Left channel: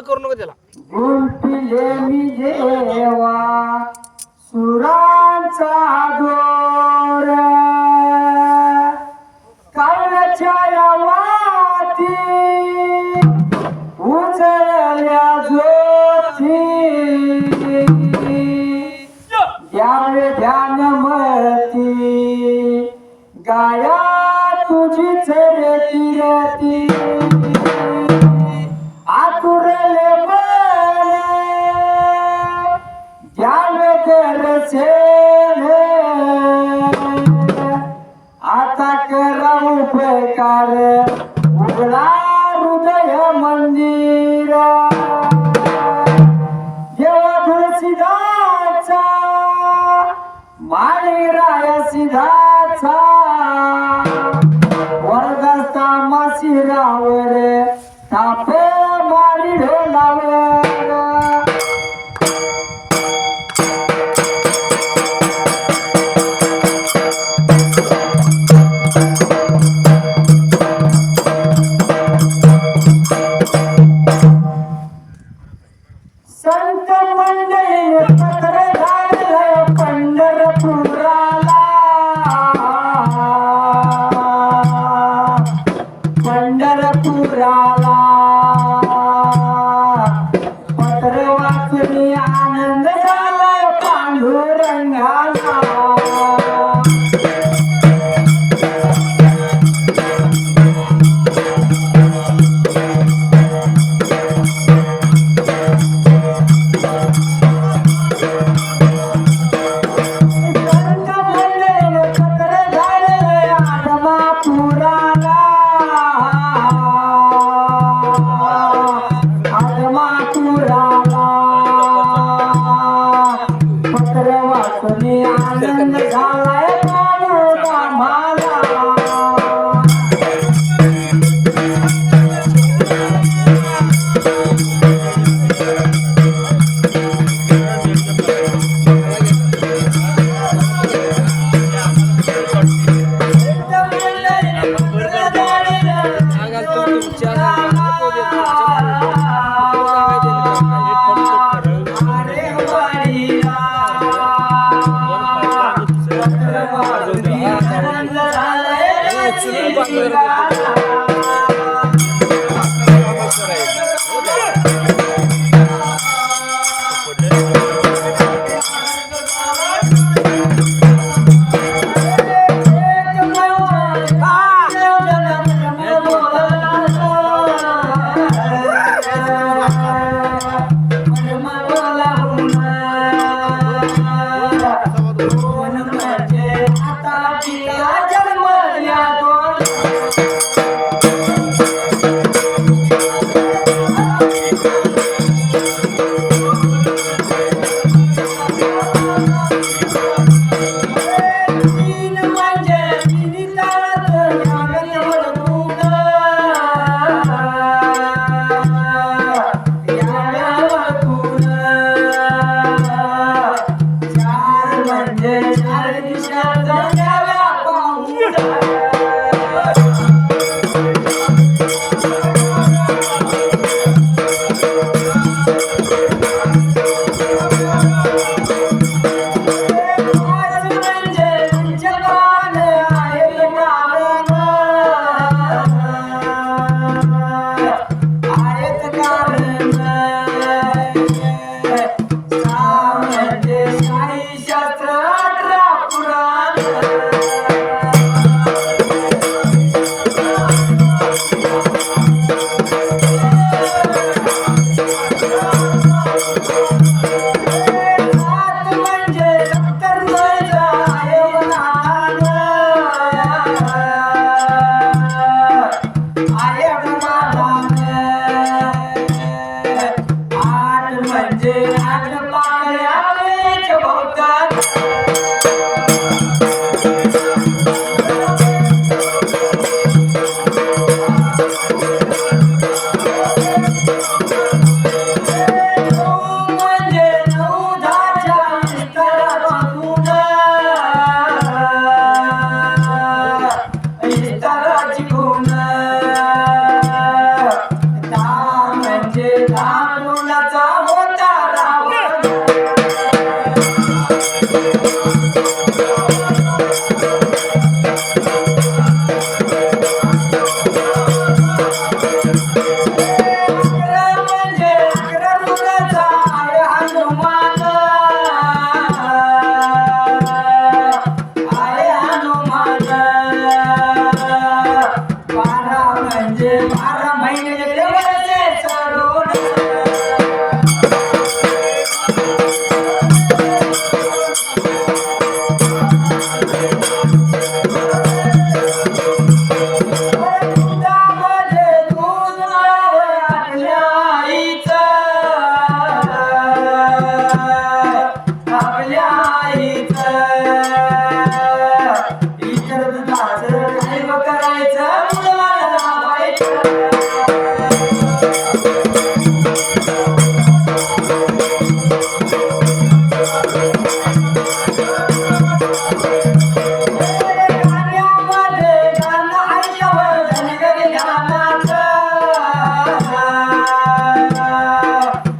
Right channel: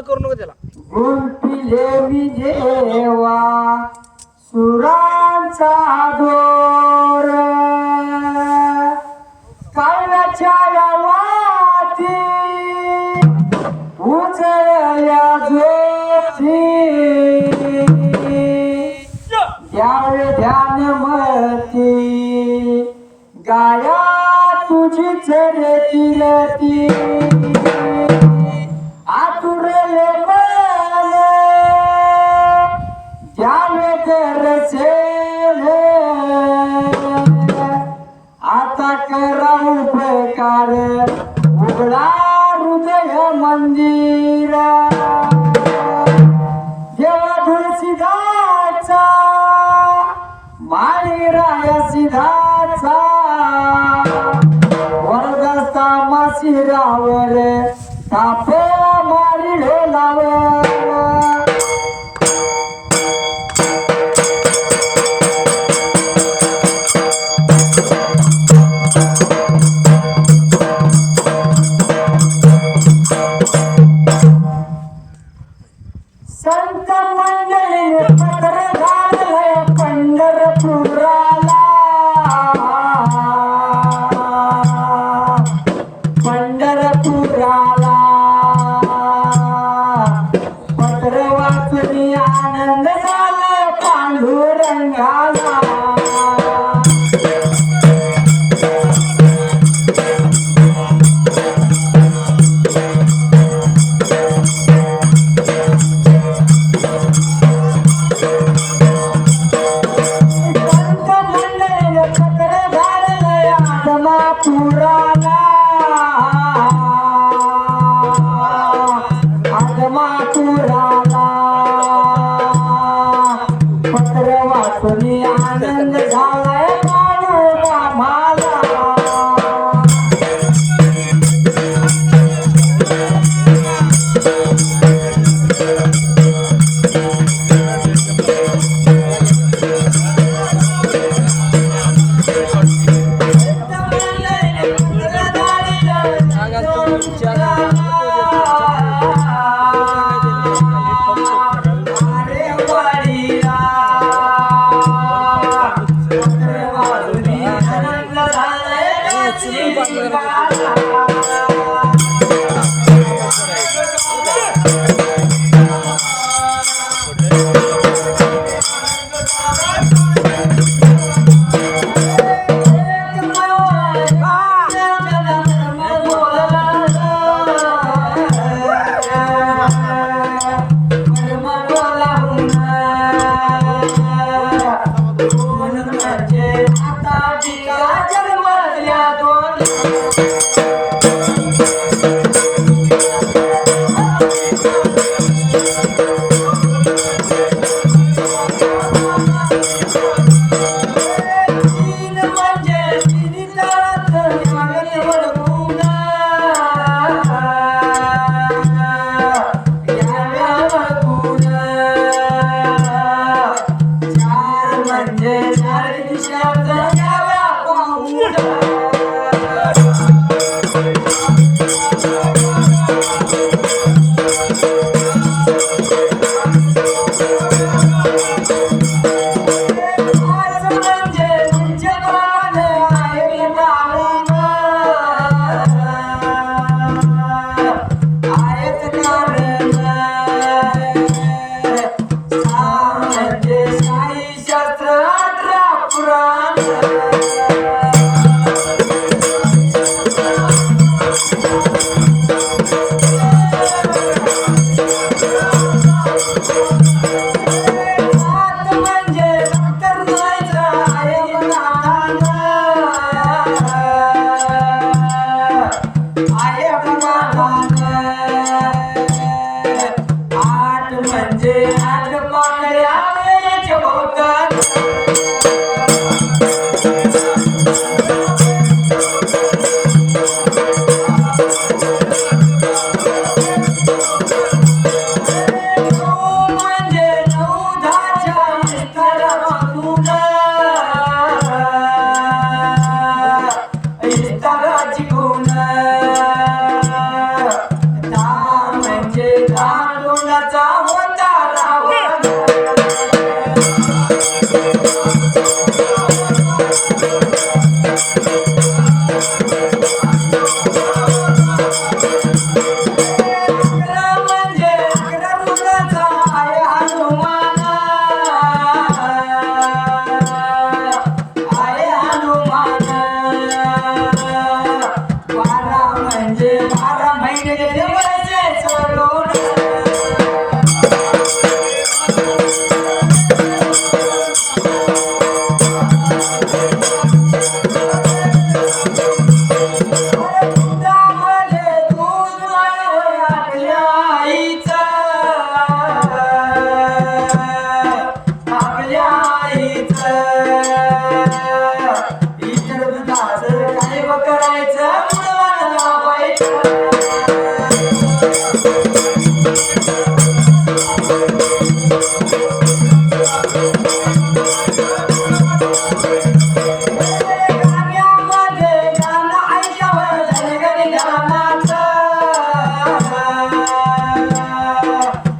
करू नको त्याला. गुंफिले मी देवा सुरांचा दोर काळाच्या वाती उजळल्या ज्योती ध्यान ध्यान मती गाया तुझी चरती रती आतुरले मन ध्यान करसेल आता करा उपकार उघडा हृदय मंदिर देवा तुळशीदाचा माळी राय सिधाचा वरदस्ता मशिरावर तापे मारी ढोलावर संत मंडळी पत्र धाडलं पंढरपुराला पंढरपुराला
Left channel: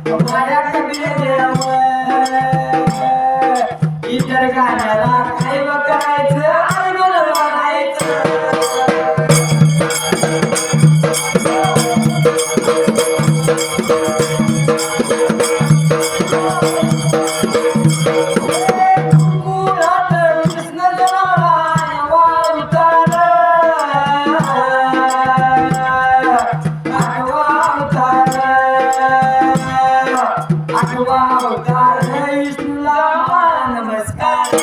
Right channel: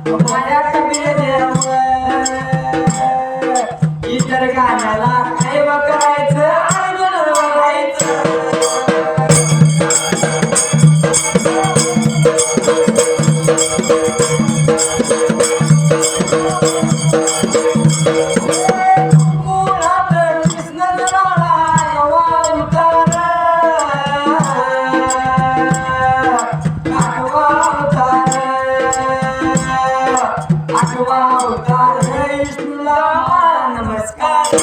माझ्या कबीर देव इतर गाण्याला काय व करायचं आणि म्हणून वागायचं मुलात कृष्ण जन्मला अवतार आठवा अवतार विष्णूला नमस्कार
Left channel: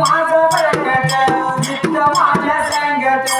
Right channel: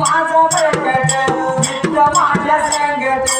माझा प्रकट नित्य माझ्या शेंगट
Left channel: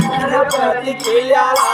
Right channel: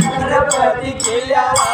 छत्रपती केल्याला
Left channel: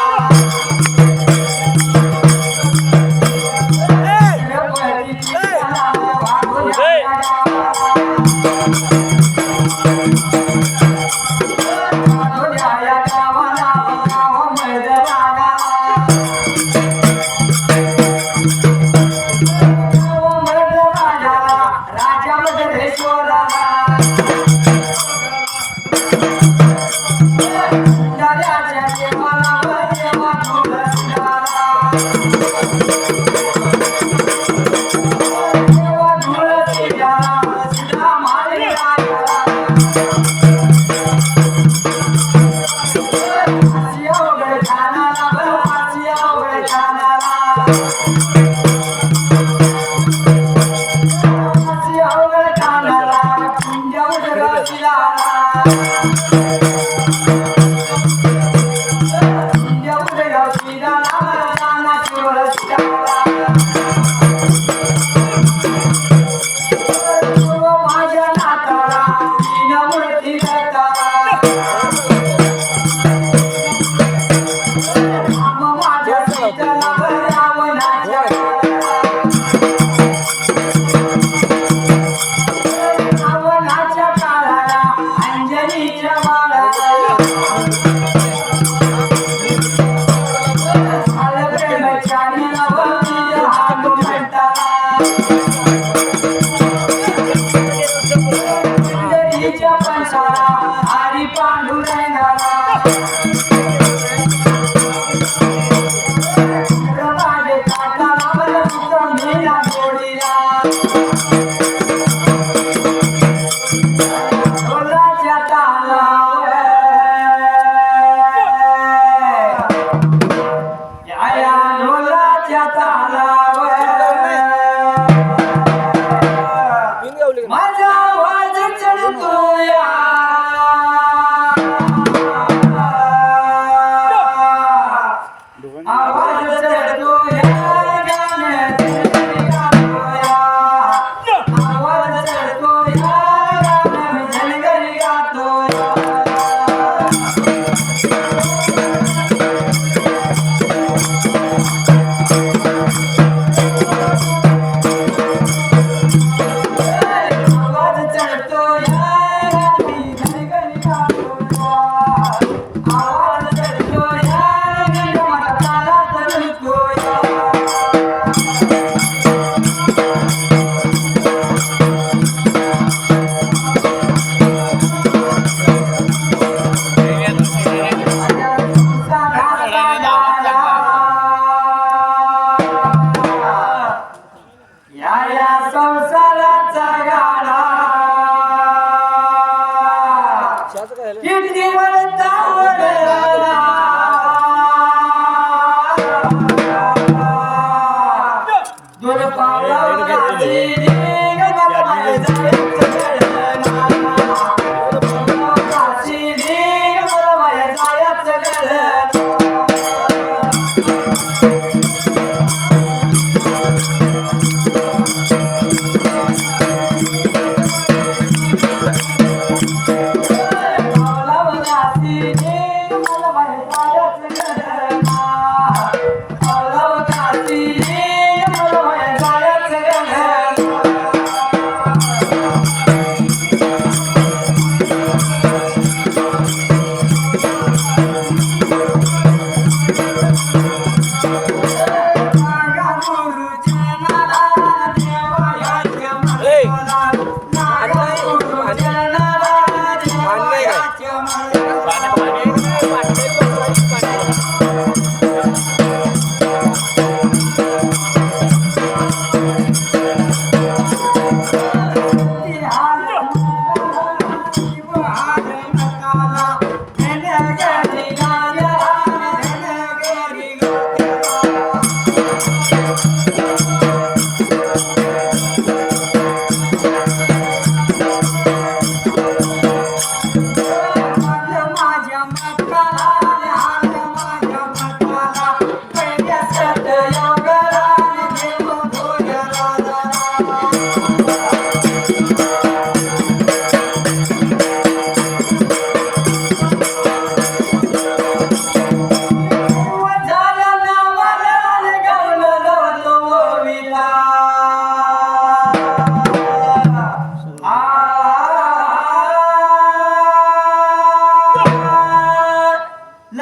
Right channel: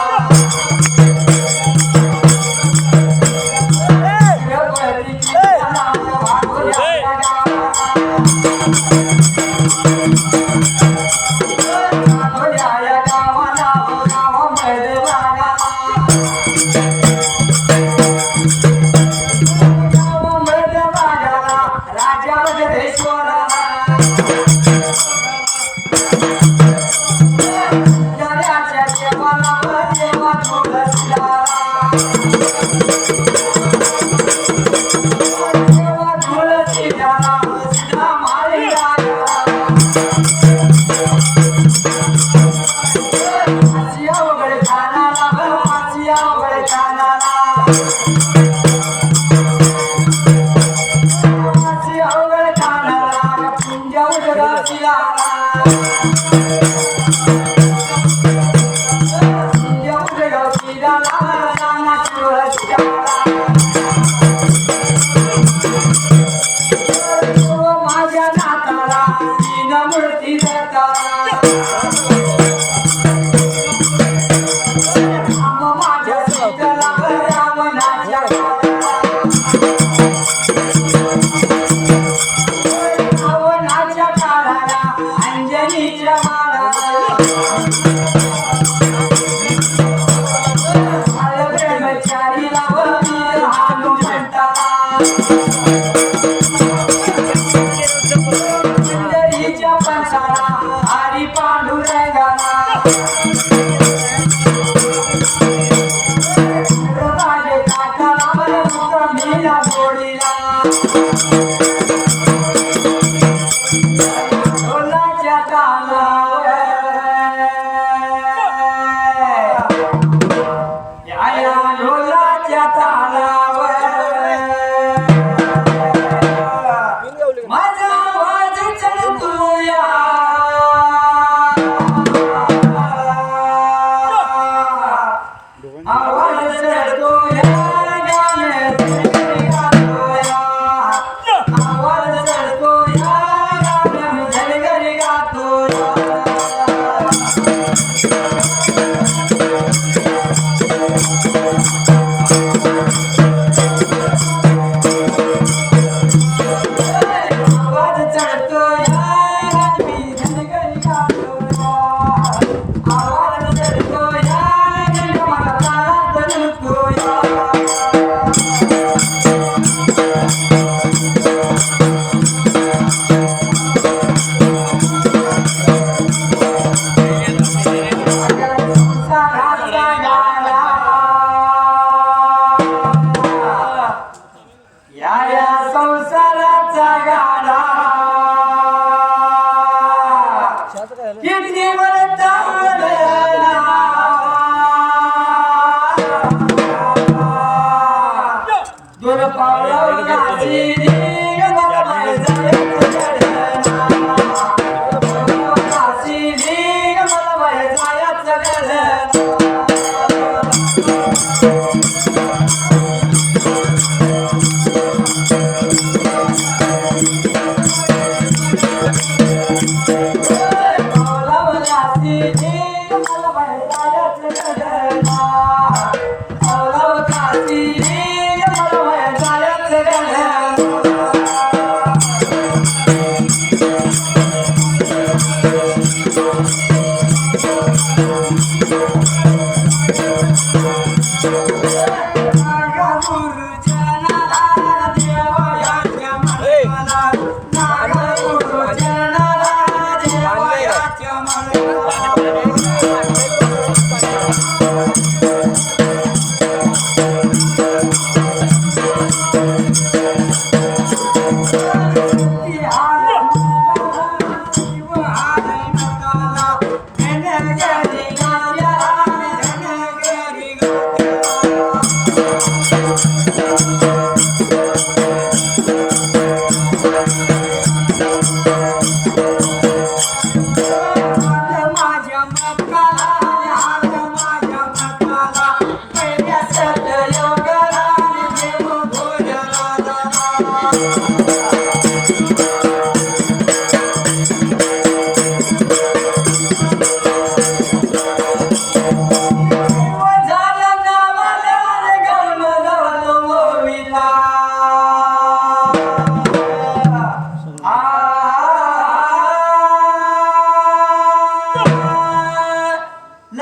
Yeah.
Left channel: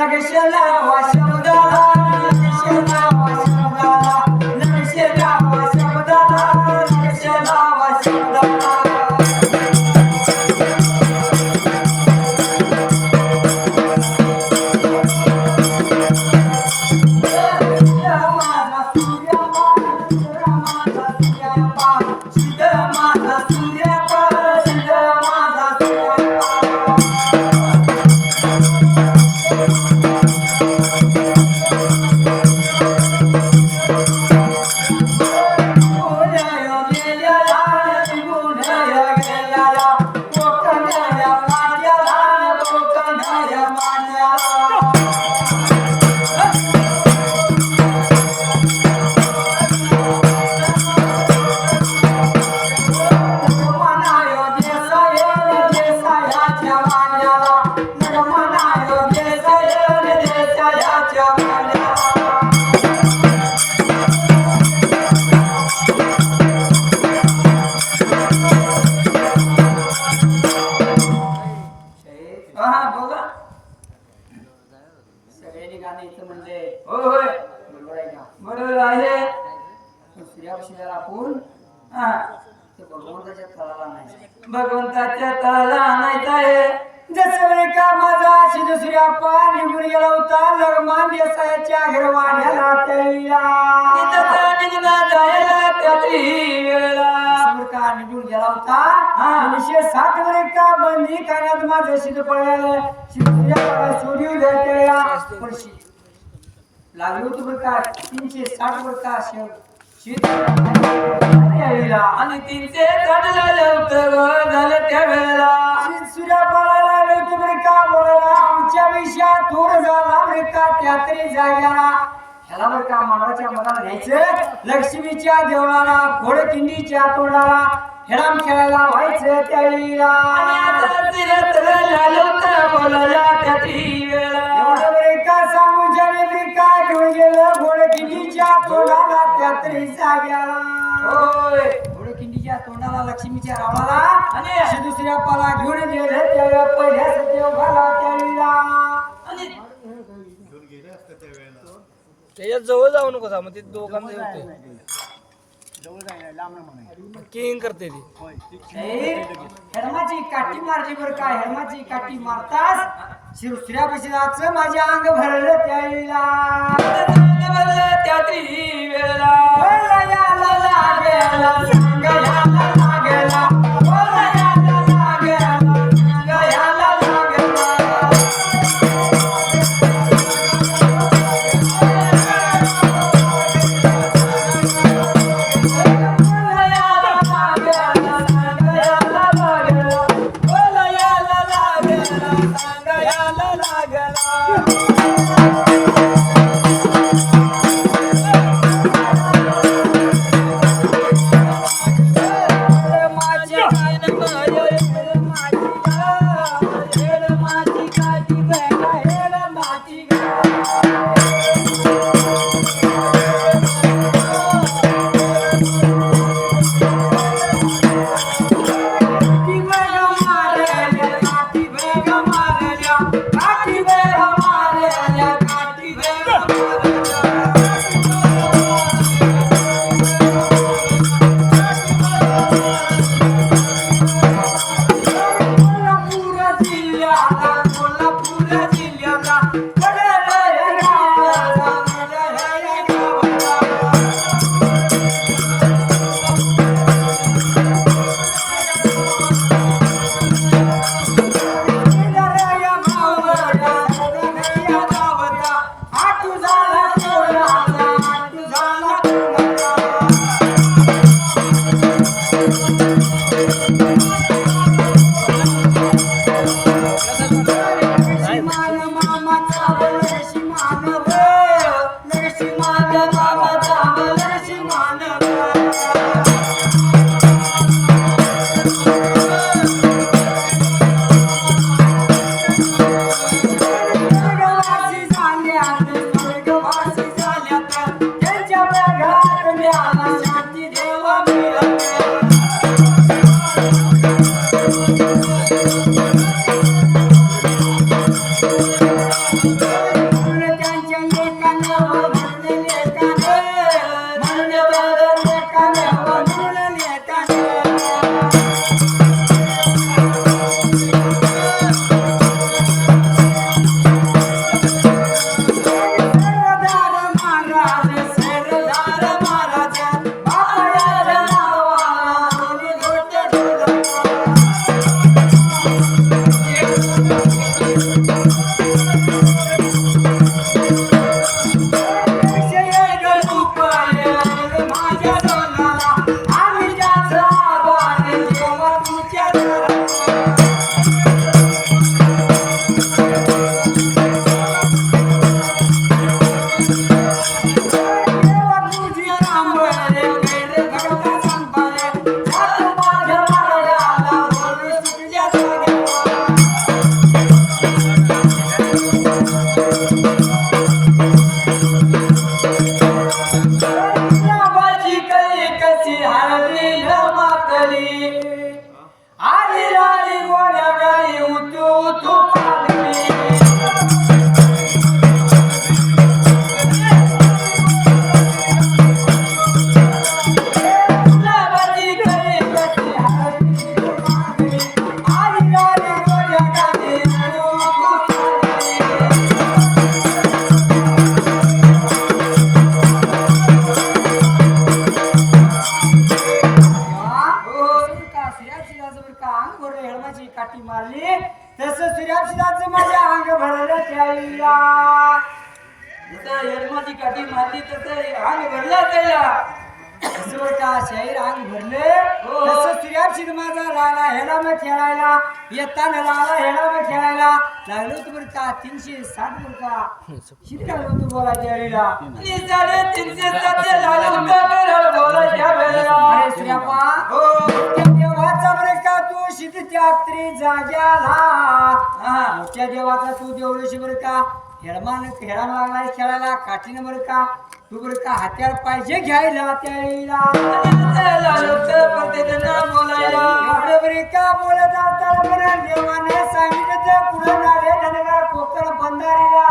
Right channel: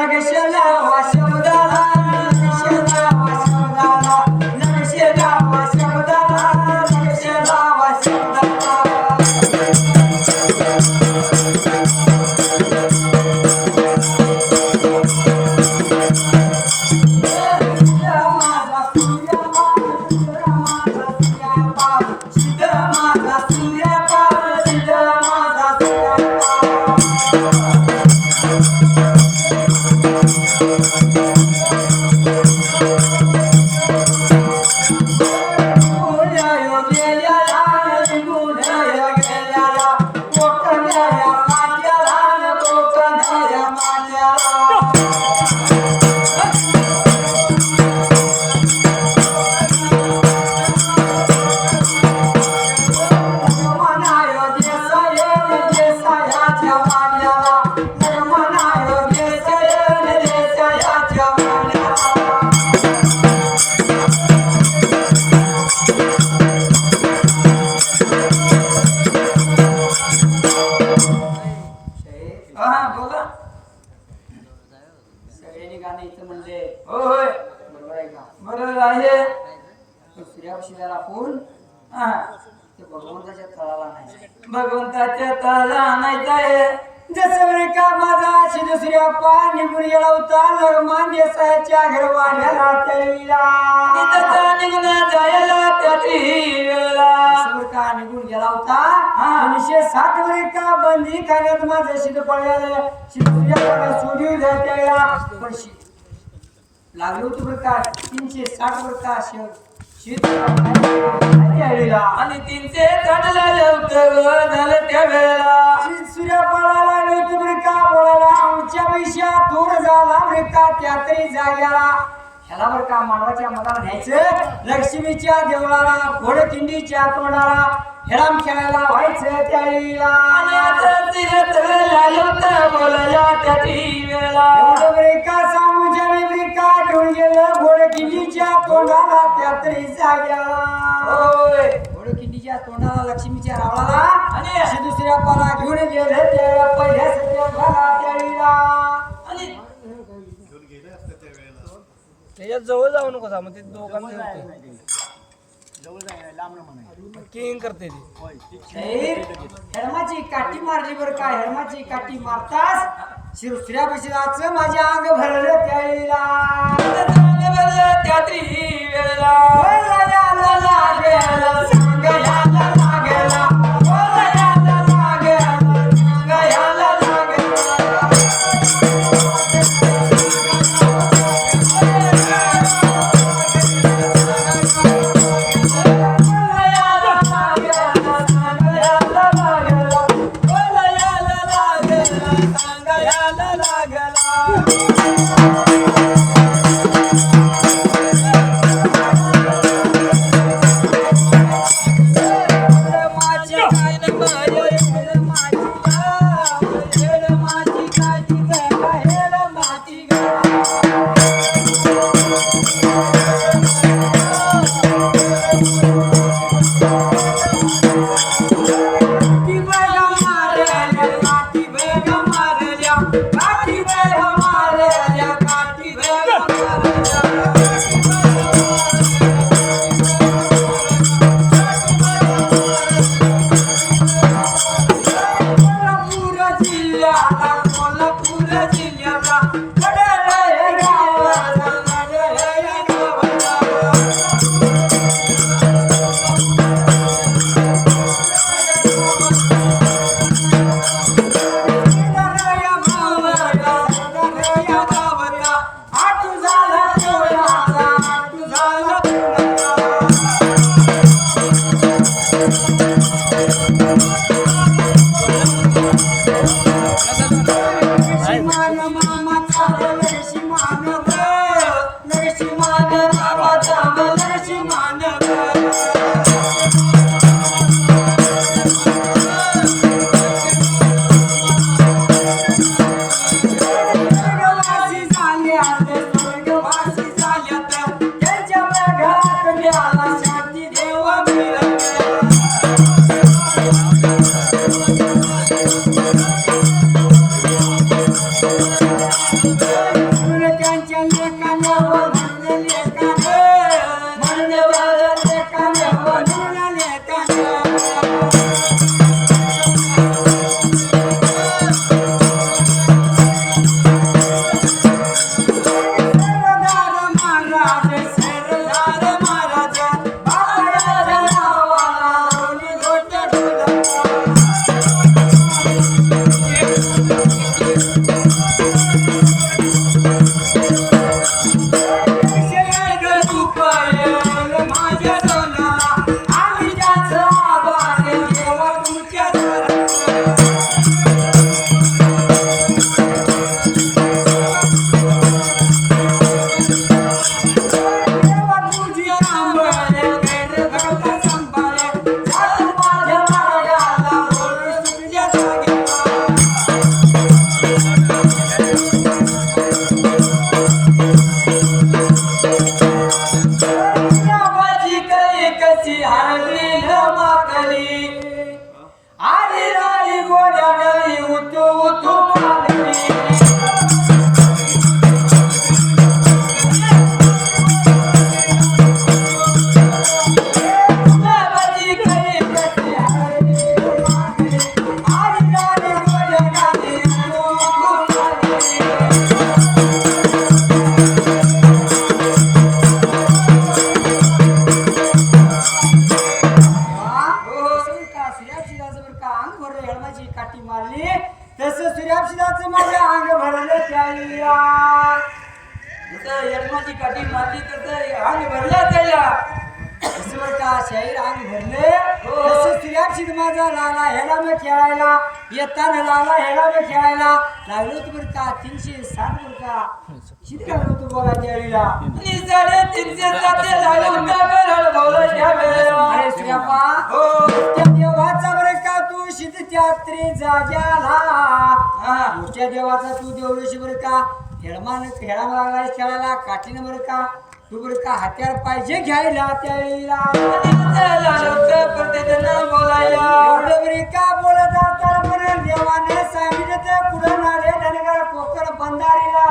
लगेश लावा शब्दाला लगेश लावा शब्दाला लगेश लावा शब्दाला लगेश लावा शब्दाला भगवंताच्या तळाला आणायचं आहे जसं बरे का माझा दुसऱ्या पाय निघून गेला होता लगमान देसायाच्या घरवाण्याला त्याला निघून जायला त्याची वेळेला का निघून गेला होता 1907 वर का बंदी खाण्यात माझं शिद पळायला दुसऱ्या सोडी त्याला पण लागलो होतो बरं का 360 वर का आणि 360 झालं होतं झालं त्या वेळेला सूर्या पळायला लागलो होतो बरं का बोलायला आमच्या पैशा थोर झाला बरं का त्या तरी जाग्याला ह्याला बरं का मानवाच्या मनाला न्यायचं लक्ष्मीच्या देवळाला घोडकिंडीच्या तोंडाला हेराम खेळायला व्हायचं त्यावेळेला एवढं बरे का सांगू ज्यावेळी बरे का घेऊन गेलं घोडकिंडीच्या तोंडाला त्या तरी जाग्याला घोडकिंडीच्या तोंडाला लक्ष्मीच्या रावळाला आणि दुसऱ्या पाला घेऊन गेलं त्यावेळेला पहिल्या सत्यवघाला त्यावेळेला आणि त्याच्या जवळ जाऊ नको मग ते दोघांना जवळ जायला लांब म्हणा किंग करते ती हेडमाची काठी मारली बरं काय हेडमाची काठी मारताच शिवश्र्या बशिराचं माझे अंग भरलं त्यावेळेला त्या वेळेला लागेला सांग याला लागेला Gracias. तसं सूर्याभिषेकाचं माझ्या अंग भरलं त्याला जसं यजमाची काठी मारली तसं अंग भरला त्याला तसं बरं का शाहीर अंग भरले तसं सूर्याभिषेक माझा लागला ह्याला मग खेळायला येताना लागला ह्याला मग खेळायला लागलो होतं बरं का 360 बरं का किती लागलो होतं बोलायच्या वेळेला आणि 360 लागलं होतं बोलायच्या वेळेला अरे सूर्यापा हो त्या देवाचा बरं का तू शिदत्यात्री जाग्याला मोठ्या देवाचा तू देवळशी बरं का खेळा लागलाय खेळायला काठीनं बरं का तू बरं का हत्यार पाहिजे घ्यायला त्याला बोलायला एवढं बरं का बोलत असताना पण देवाने सांगितलं पुढं नारे धनगर कोकण बंधारीला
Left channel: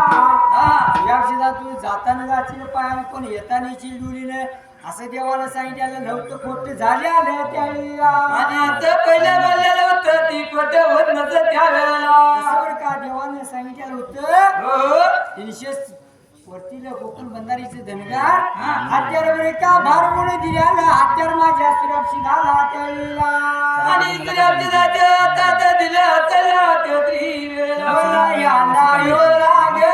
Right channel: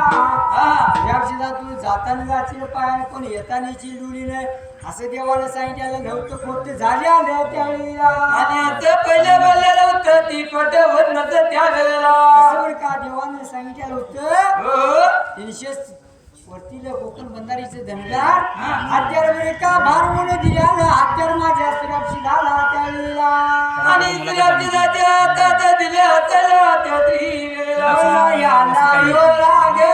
या तू जाताना जाशील पायानं पण येताना डुलीने असं देवाला सांगितलं नव्हतं खोट झाले आलं त्यावेळेला आणि आता पहिल्या बोललेलं होतं ती खोट होत नसतं त्यावेळेला असं बरं का देवाने सांगितलं होतं हो 300 वरतीला कोकण बंधारीचे धनगार हत्यार बरे का भारवून दिल्यानं हत्यार माझ्या सुरक्षित झाला त्यावेळेला आणि सुरक्षित जात्या दिल्या चला त्या वेळेला याला यो लागे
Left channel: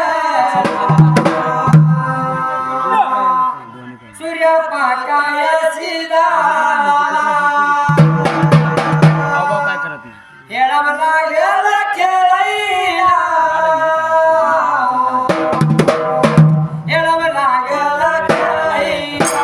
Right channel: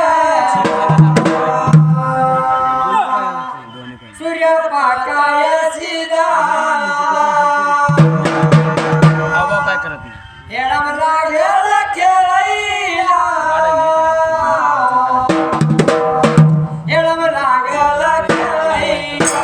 सूर्य पाकाया सीधा येडा मला गेला खेळायला येडा मला गेला खेळायला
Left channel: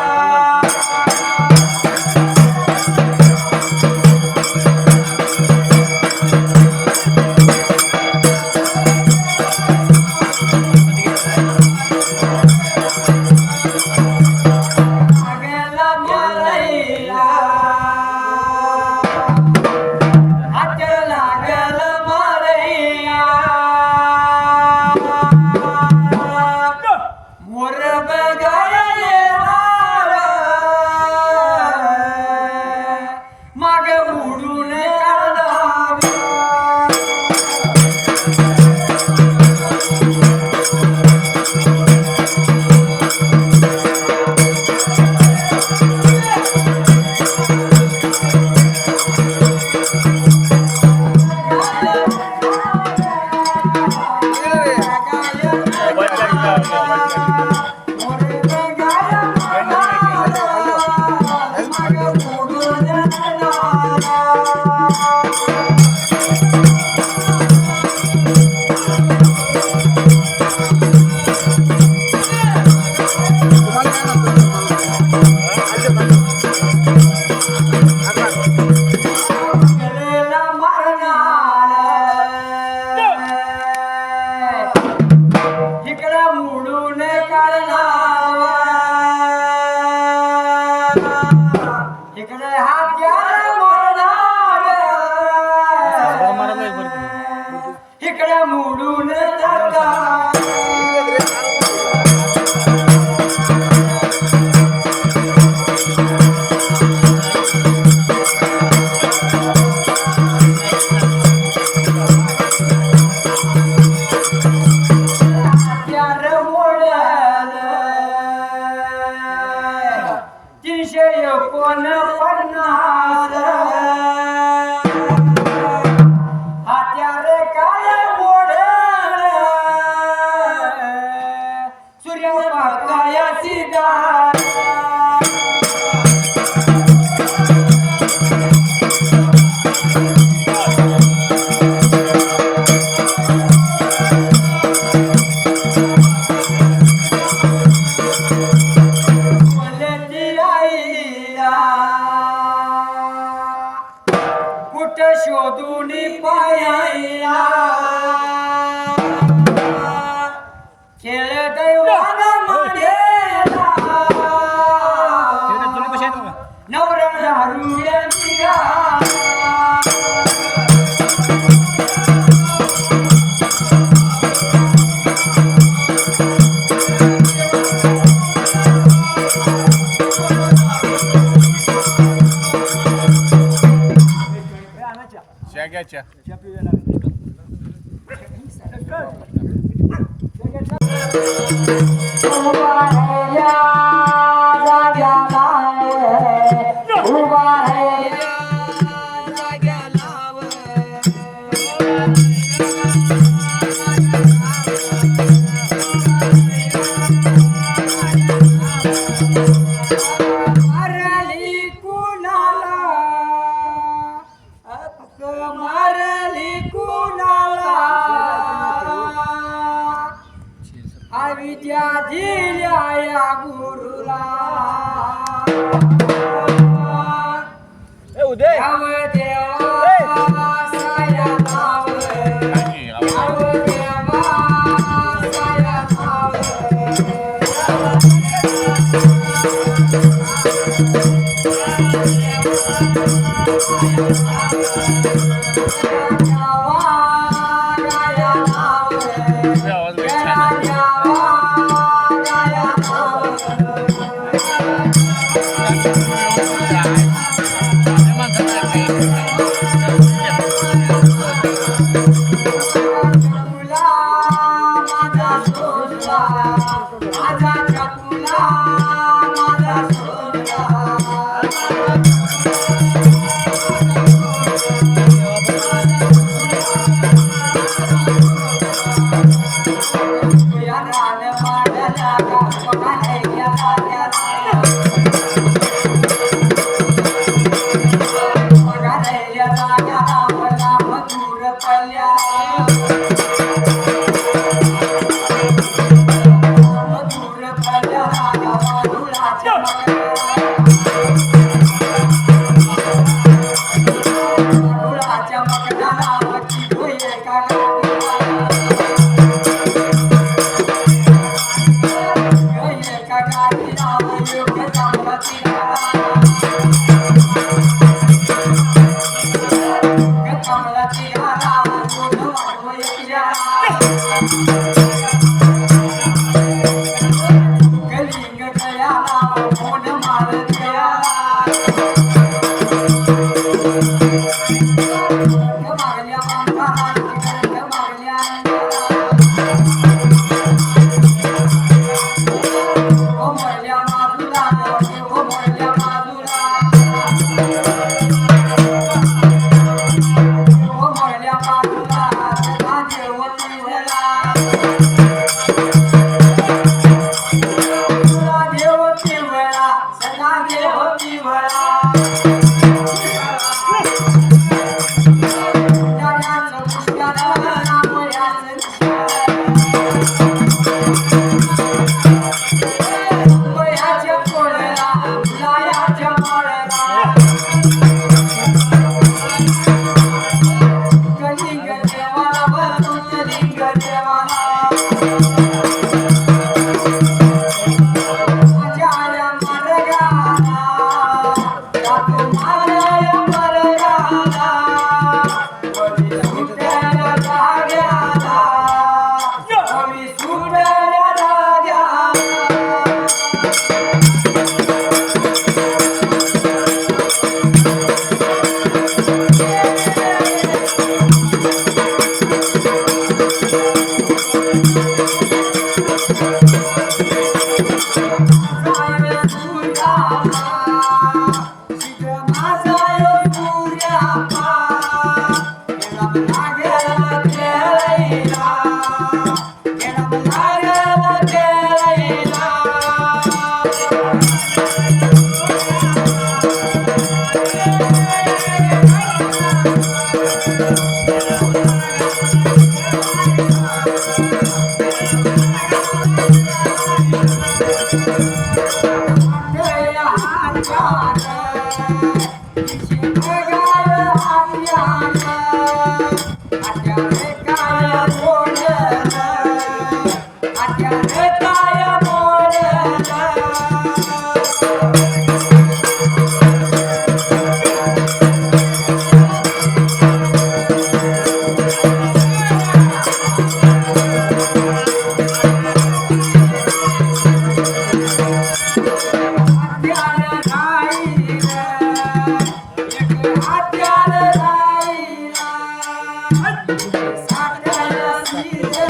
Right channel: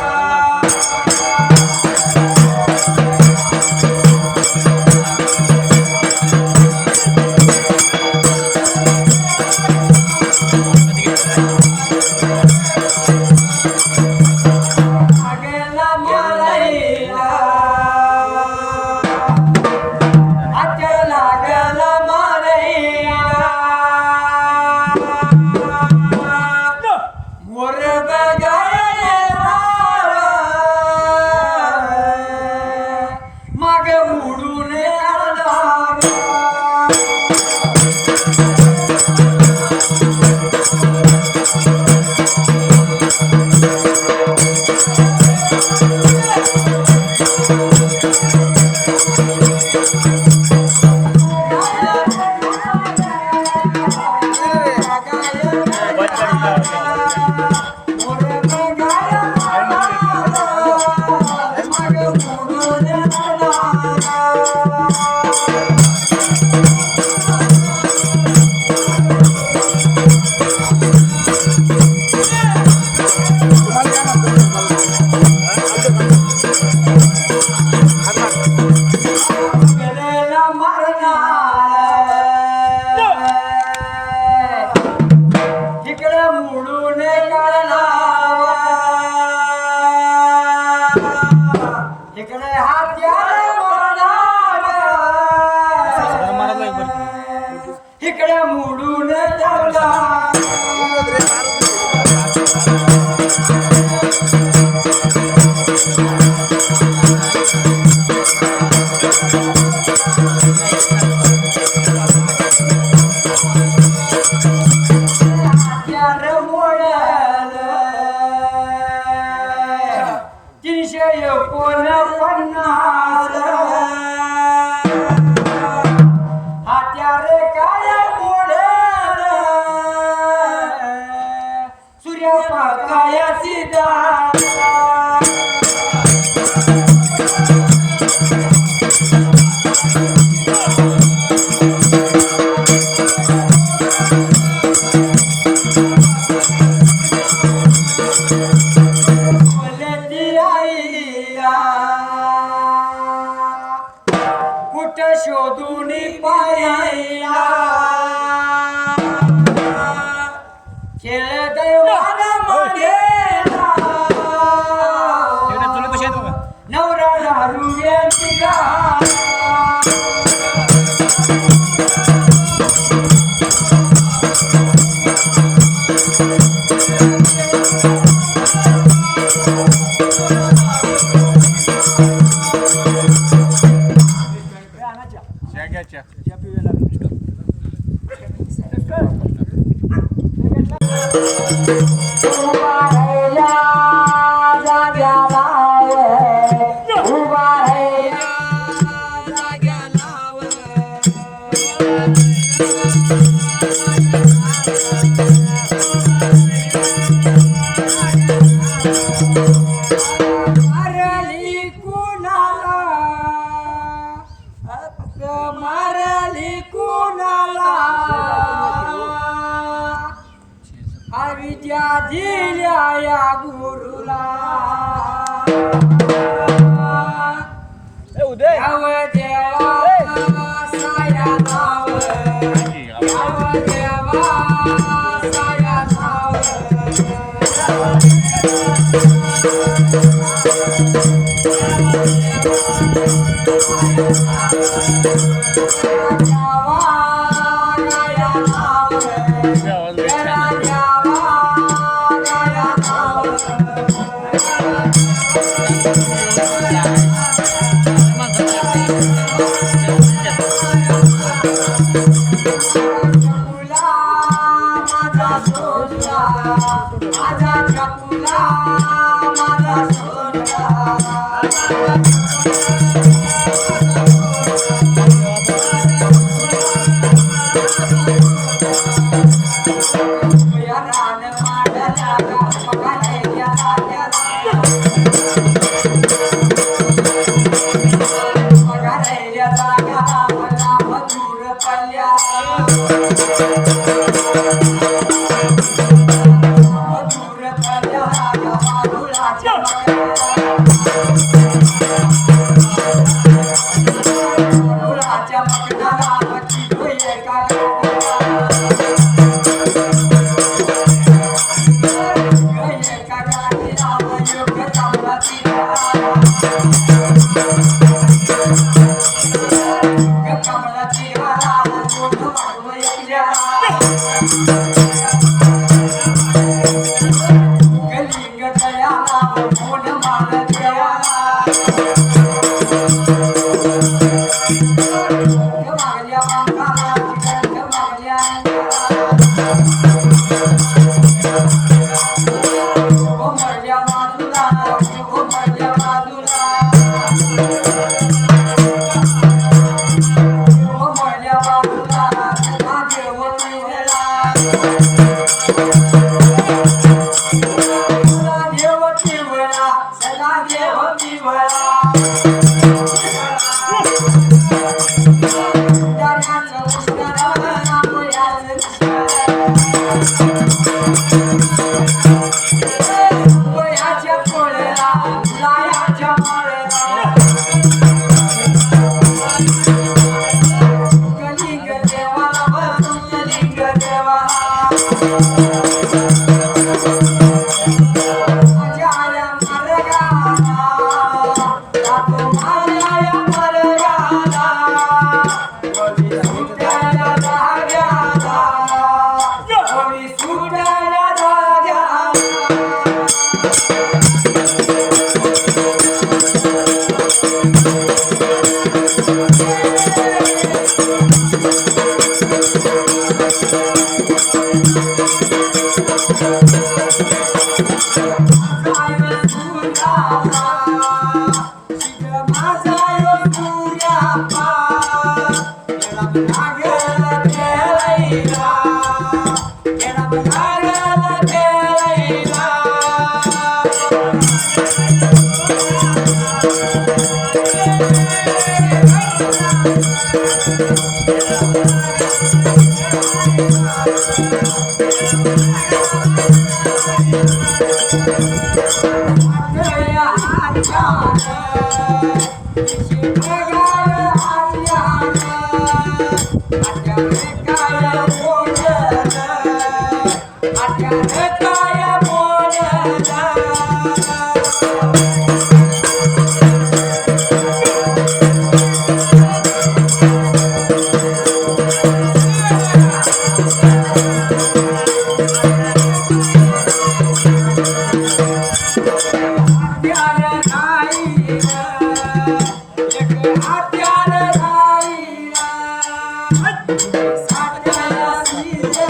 इकडे मोडून शोधून पायाला खेळ दैवान माडेला नवरा दारू निघा उभा मारली कुणाला मारली कुणाला अविद्या दिल्या या गुरुला याव देवा साया नाव याव देवा साया नाव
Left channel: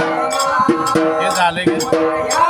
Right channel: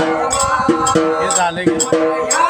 हे झालं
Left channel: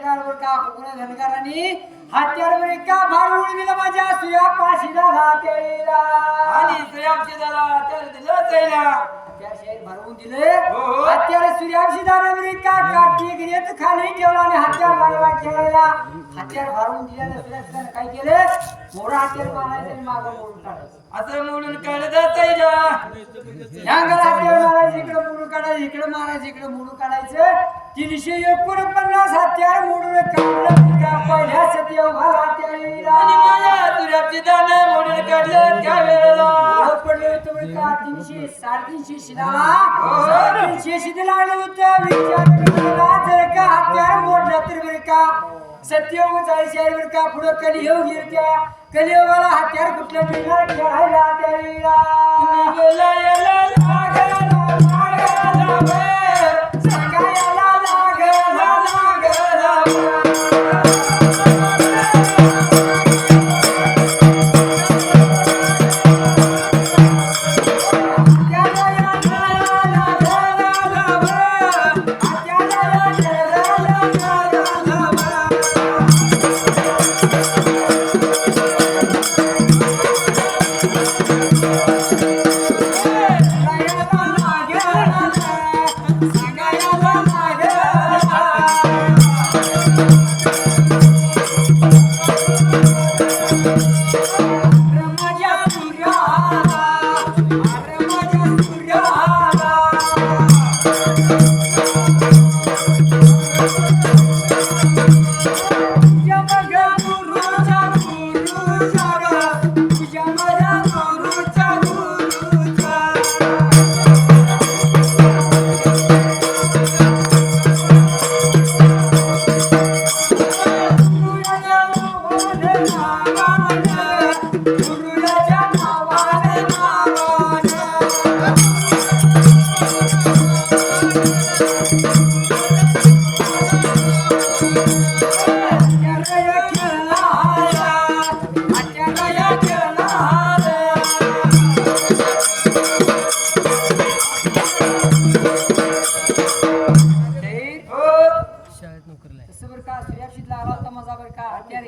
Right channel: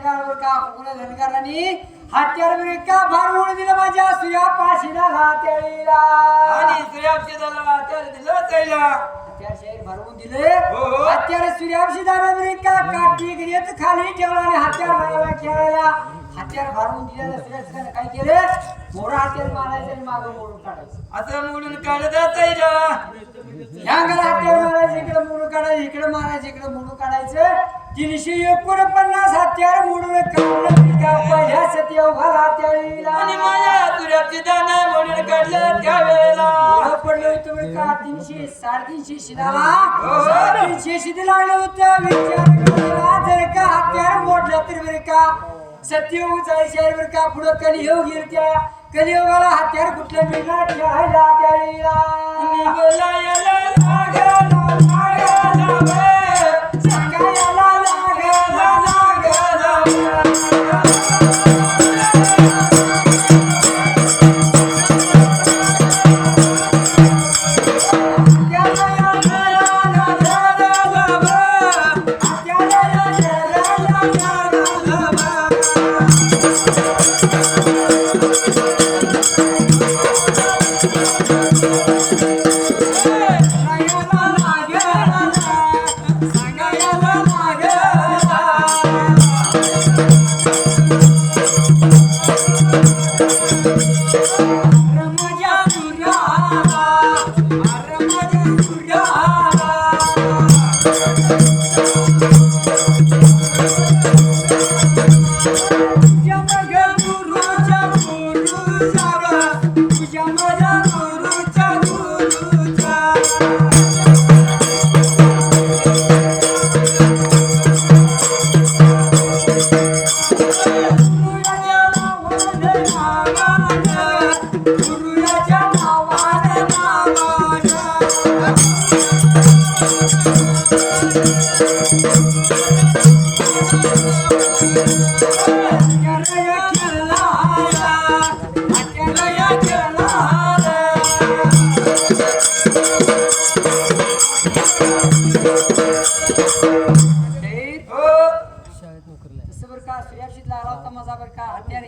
धनगर का कोकण्या धनगरांनी हत्यार बरे का भार दिलं माझ्या सुया पाशीला त्याला आणि सूर्यापशी झाला तर दिलं त्याला हत्यार शहर भरवून दिले हो. हत्यार सूर्यापशी दादा बरे का काठी गिरीत खाली ठेवला आणि हत्यार मारला खेळायला हत्यार भरवून दिल्यानं सूर्यापशीदानं काय केले मोरा हत्यार मारायचं आणि मागं मोडून काढायचं असं म्हणून काढता त्याला ह्यांगाला हत्यार मारायचं इकडे मोडून काढायचं इकडे मारायचं इकडे मोडून काढायचं 349 हत्यार मोडून काढलं का पहिल्या सत्य उभाला त्याला आणि माझ्या सूर्यापशी दानं मोडून काढलं त्यावेळेला पडलं होतं बरं का 300 350 शिदाला 350 शिदी लागलं होतं विचार करायला जर का हत्यार मोडलं तर बरं का सत्ययोग जायचं बरं का पुढं कलियोग येईल त्या कलियोगाला हत्यार कुठलं मिळणार खेळायला त्याला बोलायला लागला सांगायला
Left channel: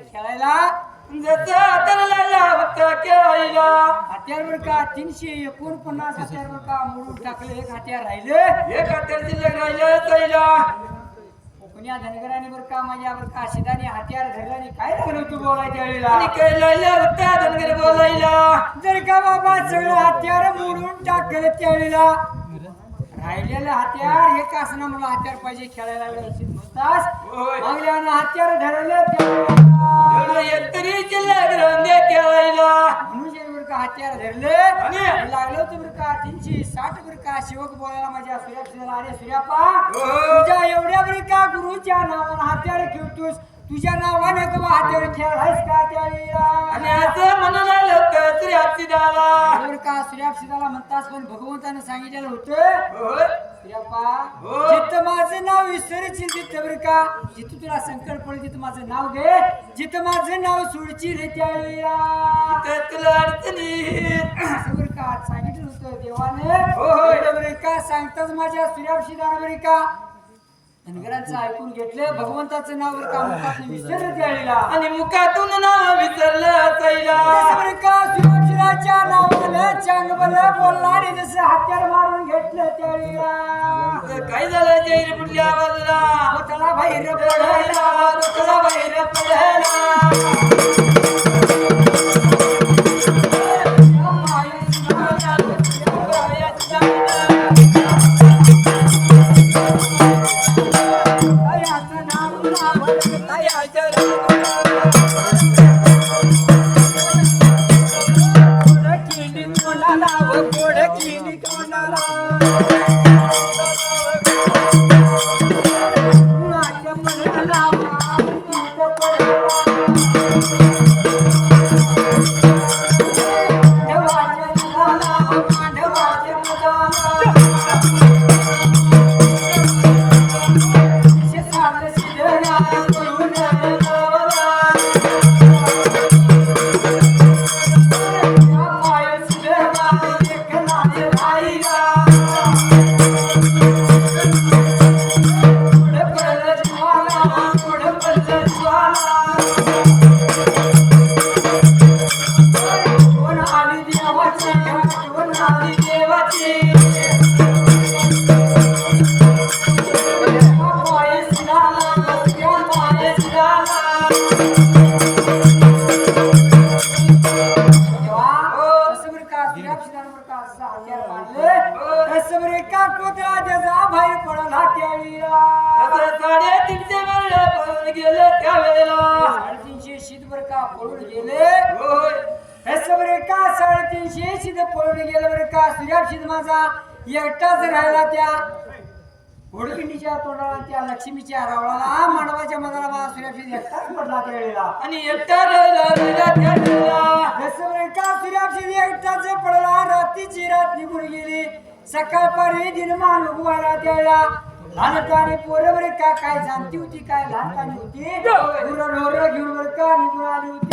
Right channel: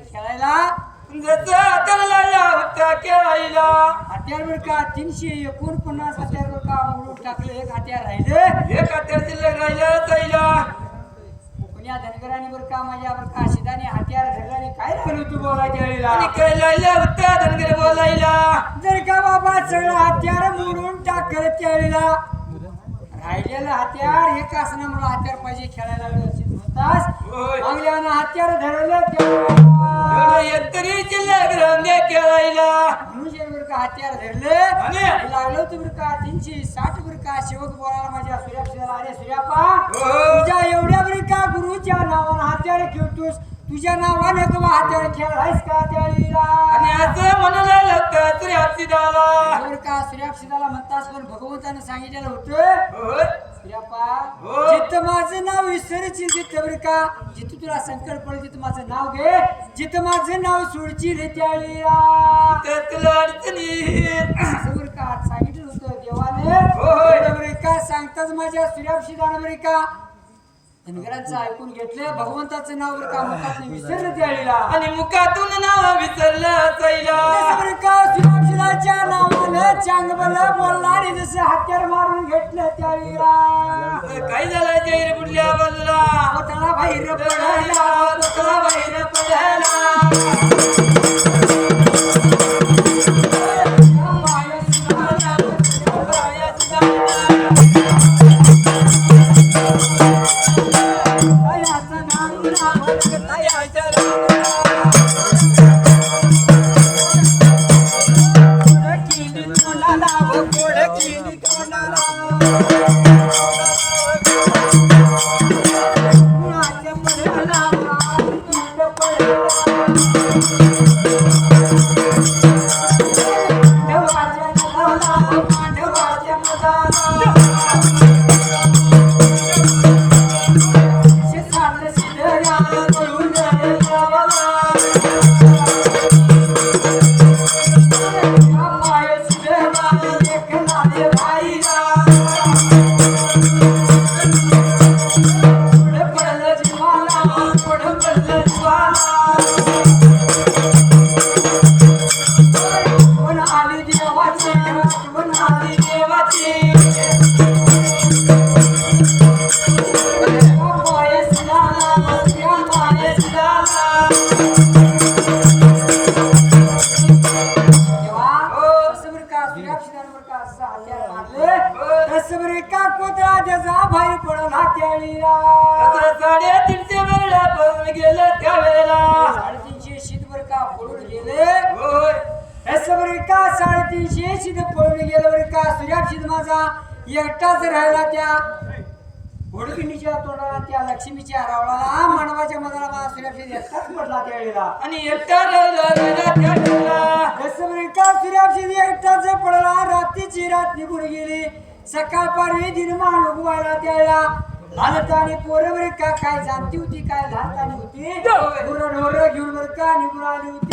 खेळायला जसं हाताला लागला होता खेळायला हत्यार बर का 349 हत्यार बर का मोडून टाकले एक हत्यार राहिले एक हत्यार शिल्लक राहिलं त्याला कोकण्या धनगरांनी बर का माझ्या बर का शिदाने हत्यार धरल्याने काय लागलं तू बोलायच्या वेळेला आणि काय लागलं होतं धनगर बोलायला जर का बाबा सगळं हत्यार मोडून टाकलं त्यावेळेला राहिलेलं हत्यार एक असणं मला हत्यार पाहिजे खेळायला व्यवस्थित म्हणतास होय. मागल्यानं हत्यार धरलं तरी शिल्लक राहिल्या खेळायला म्हणून बर का हत्यार धरले आणि? लागलं होतं बर का 360 बर का शिवक बोलायला माझ्या सूर्यापशीला अरे सूर्यापा हो. तुझ्या एवढ्या बर का गुरुच्या नावानं हत्यार खेळतोस तुझ्या नावाने का हत्यार खेळायस का त्यावेळेला आणि असं म्हणू लागलं होतं सूर्यापशी दाला बरं का सूर्यापशीदाला म्हणतास पण भगवंतानं सांगितलेलं होतं होय. सूर्यापा हो. जिथं माझं नाव विसरशील तिथं बरं का जिथं तुला संकट पडेल तिथं माझं नाव घे जिथं माझं नाव सोडशील त्यावेळेला तर तुला अडचणी असं बरं का सांगितलं होतं देवाने हो. बरं का सांगताच माझ्या सूर्यापशीदानं बरं का धनगरांचं ऐकून घेतलं भगवंताचं नाव बरं का मुखातून विसरलं त्यावेळेला आणि मुखातून नाव विसरलं असायला तसं बरं का सूर्यापशीराच्या नावानं चांगलं बोलला आणि जसं हत्यार मारून घेतलं त्यावेळेला काय झालं जैर पुढल्या बाजूला पोतळा बाहेर पडायला पोतळा बाहेर पडायला पुढे गेले त्यावेळेला 350 शीतभर का पळून गेले होय असं बरं का 350 शीत पळून गेलं बरं का सूर्याशीत माझा एकटाच राहिला त्या घोडकिंडीच्या तोंडाला त्या लक्ष्मीच्या रावळाला मानवाच्या मधाला माझा सूर्याशीत एकटाच पडला त्यावेळेला आणि एकटा राहिला त्यावेळेला असं बरं का सूर्याशीत एकटाच पडला रात्रीची रात निघून गेली सकाळपारी दिनमान उगवायला त्यावेळेला लहानतानी पोरं बरं का काय जाणती होती काय लहानतानी होती ढोर घेऊन बरं का निघून आली होती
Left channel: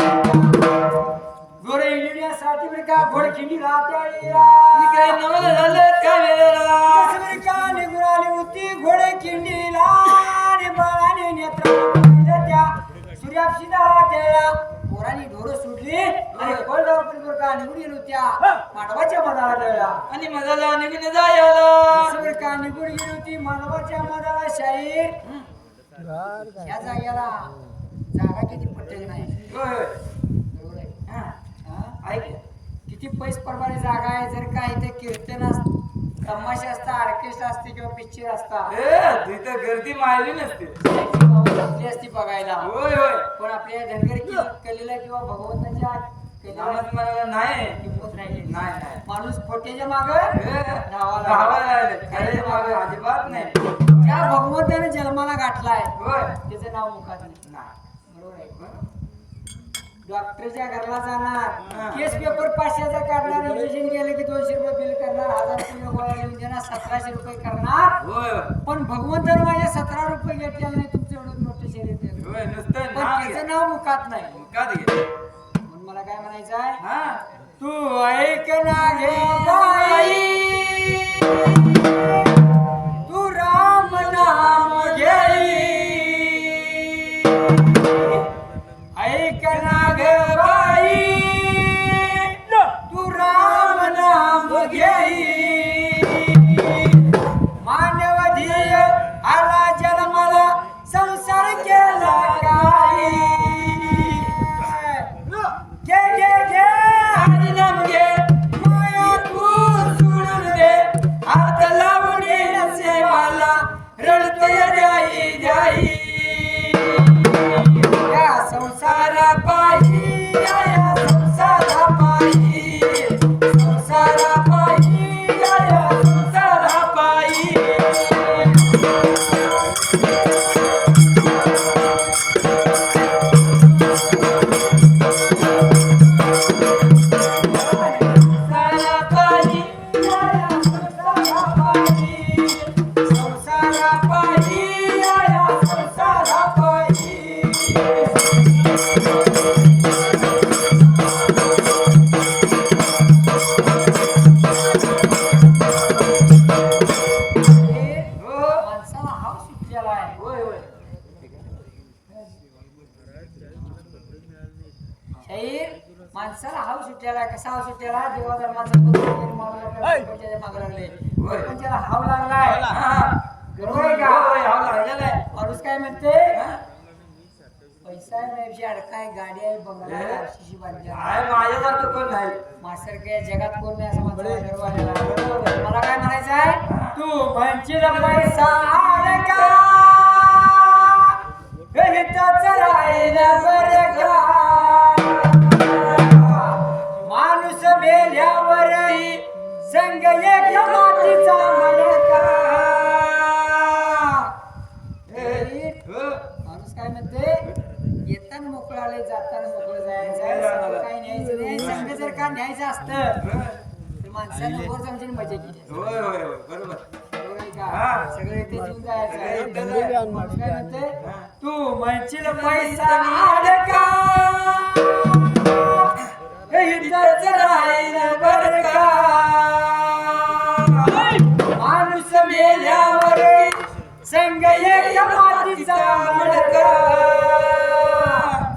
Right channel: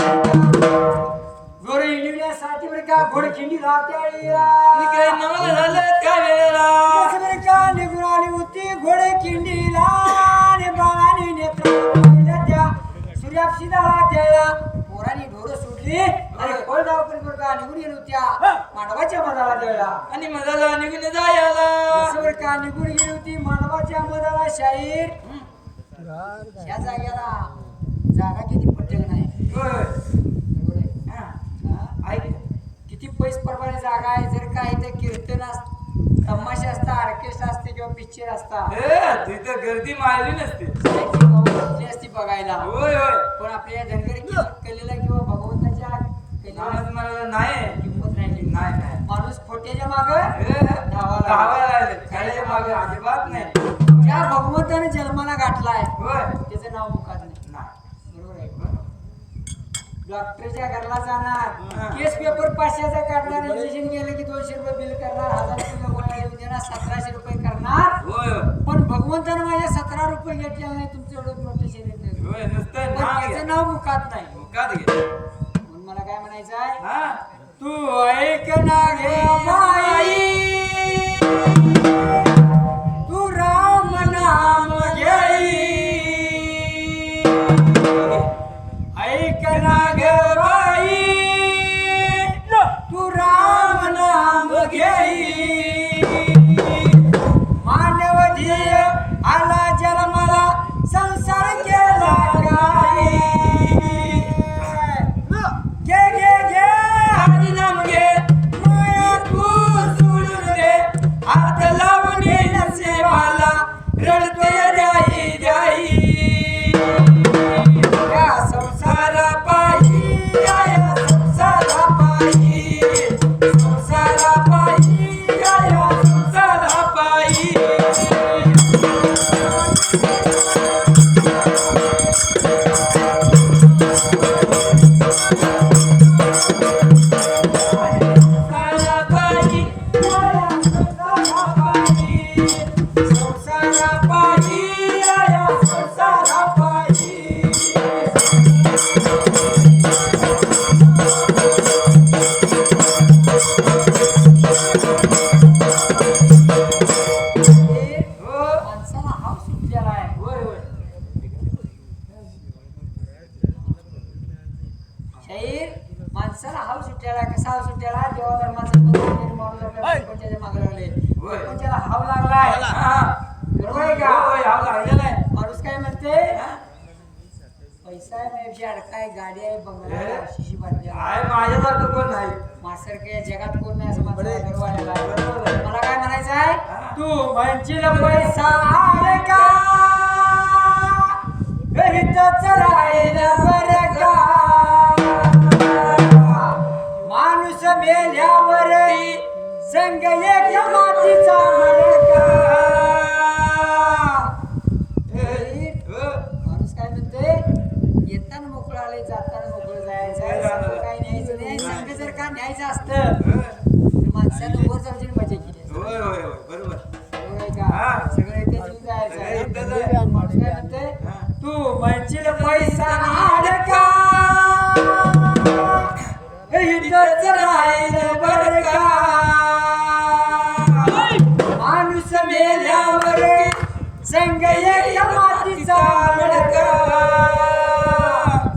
गोरे इंडियासाठी बरं का घोडखिंडी त्यावेळेला काय नवल झालं त्यावेळेला असं बरं का निघून आली होती घोडखिंडीला आणि बाळाने नेत्र त्या सूर्याशीदाला त्यावेळेला पोरांनी ढोरं सुटली आणि बळगावपर्यंत बरं का निघून गेलो त्या मानवाच्या मधाला त्यावेळेला आणि मधाला निघून जायला असं बरं का निघून गेली होती मानवाच्या मधाला शाहीर ह्या जाग्याला जागा किती पट्टक नाही होय बरोबर आहे हा ऐक किती पैसप्रमाणे जागा आहे जर का इथे कीर्तन तमाशा असता ऑर्केस्ट्रा असते किंवा पिक्चर असता तिथं गर्दी मारली नसते कुठली असती बघायला होय होय पण आपल्या धनगरी कलेला किंवा भगवंताच्या कलेला आवाज मला नाही किंमत राहिली नाही नाही माणूस खोट्याच्या माग धावा राहिले खऱ्याच्या मागे अजिबात नाही ज्या भगवंताने जन्माला गाठलाय होय त्याचं नाव मुखात नाही नाही बरोबर आहे डॉक्टरच्या घरला जाणार केस पेपर 500चा काढणार इंजेक्शन गेलं की 200 रुपये बिल करणार 1000 रुपये गोळ्या लिहून देणार 1700 रुपये करणार होय होय पण भगवंतानं माझ्या 17 रुपये घेतलेलं नाही तुमचं एवढं मोठं शरीर दिलं. होय नुसतं पण नाव त्याचं नाव मुखात नाही मुखात घे म्हणून मला काय म्हणायचं आहे हा तू ऐक ना घे बाई तू राम नाम घेई ऐक ना ग बाई तू राम नाम घेई मानव धीय आला जन्माला संसार केला काही घे घे घे हरिनाम घे माया तू सोडून दे हात लावणे नसेबाला रडतोय द्याई द्याई या संसारा पायी या संसारा पायी संसारा पायी या संसारा पायी माणसाला हाव सुटलेला आहे होय होय शाहीर माणसाला हाव सुटलेला आहे कसा हाव सुटलेला आहे देवा धर्माचा माणूस आपल्या प्रपंचाच्या मागे लागले प्रपंचाला हाव लागलाय बरोबर आहे का होय हा लागलेला आहे माणूस काय म्हणते पैसा आहे माझ्याशी अडकाय गाडी आहे बंगला आहे आरशीशी बांधली आहे. आहे माझ्यासारखं कोण नाही माझ्यासारखं या जगात कोण नाही असं माणसाला गर्व आलेला आहे. मला काय म्हणायचं आहे तू म्हणशील पैसा अडका हितच राहील बरं का माणूस मेल्यावर संग एक मातीचा मडका माणूस काय म्हणते येताना मोकळं आले जाताना मोकळं जायचं संग काही न्यायचं नाही संग जर का न्यायचं असतं तर माणसानं वर जाऊन मजा केली असती. होय होय होय बरोबर बरोबर आहे का सगळं इथे येऊन जायचं माणूस काय म्हणते तू म्हणशील पैसा अडका इथंच राहील बरं का माणूस मेल्यावर संग एक मातीचा मडका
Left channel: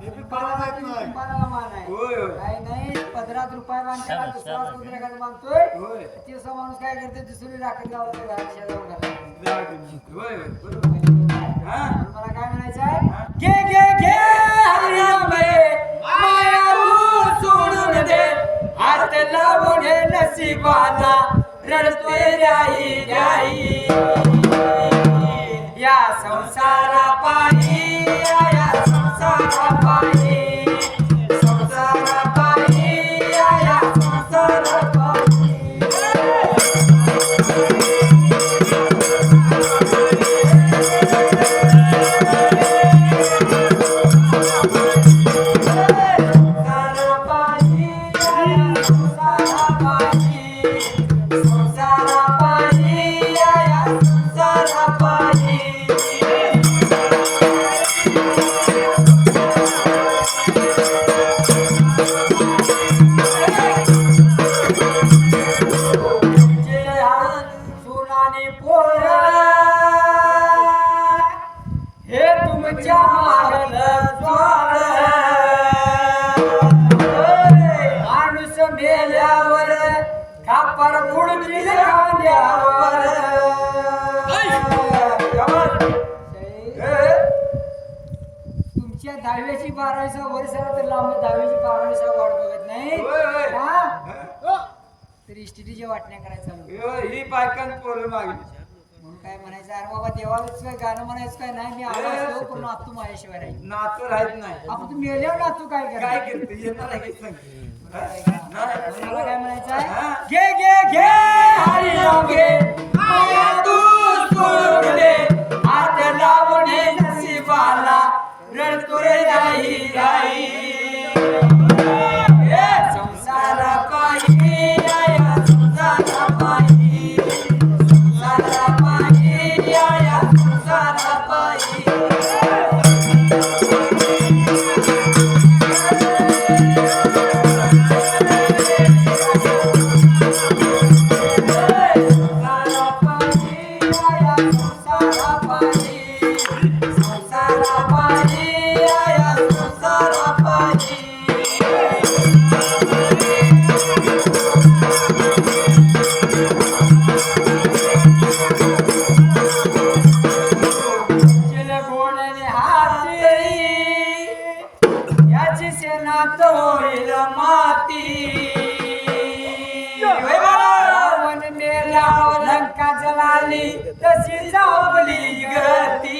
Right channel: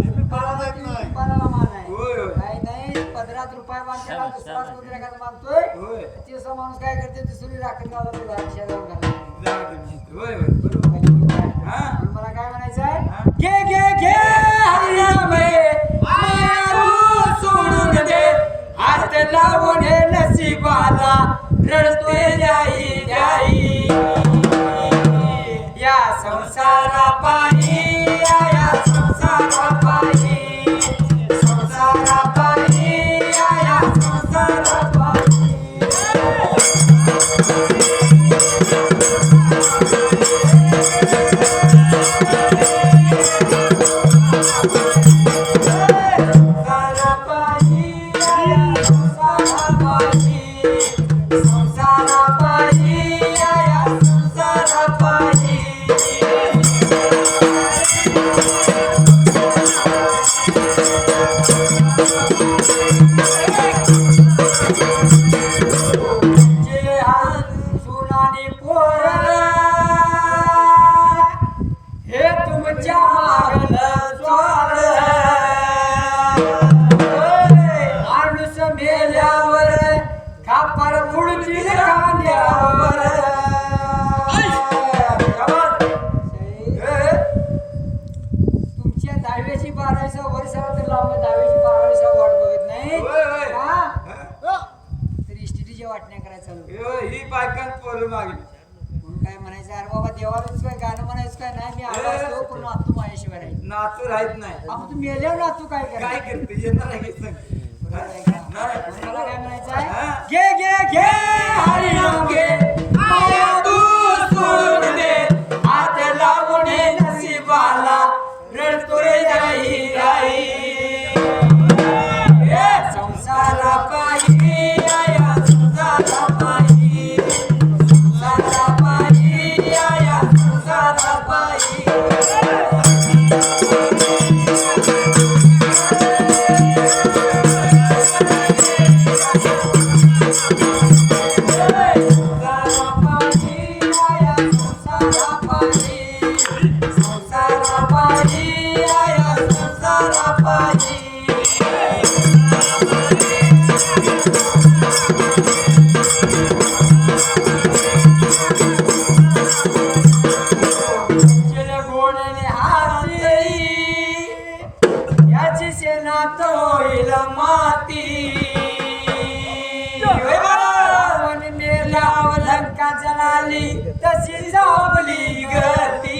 कुंभाराला मान आहे होय होय काही नाही 15 रुपये बांधत्याला दुसराच कोणतरी एखादा मानतोय होय दिवसा माणूस काय करते दुसरी राखत गावाला शेजारून घालतो जाऊ दे. होय होय बरोबर हा म्हणून मला काय म्हणायचं आहे घे घे घे हरिनाम घे माया तू सोडून दे हात लावून हे नशिबाला रडतोय द्याई द्याई या संसारा पायी या तुमच्या मागल स्वार माणूस मेल्यावर खापर पुढतील खांद्यावर तुमच्या 10वी 12वी वर्षाला तर लावून 10वी 12वी वाट बघत नाही का तर इस्टिटीच्या वाटण्या करायला चालू ही बायकां पोरं मागली म्हणून काय म्हणायचं अरे बाबा देवालाच काय गाणं म्हणायचं काय नाही मी आलो असतो पण नातू माझ्याशिवाय राहील नातू राहत नाही आपण तू मेल्यावर नातू काय काय करायचं करते येणार आहे सांग म्हणून मला काय म्हणायचं आहे घे घे घे हरिनाम घे माया तू सोडून दे हात लावून नशिबाला रडतो रे राही राही संसारा पायी या संसारा पायी संसारा पायी या संसारा पायी लंका जळाली तशी जापली गती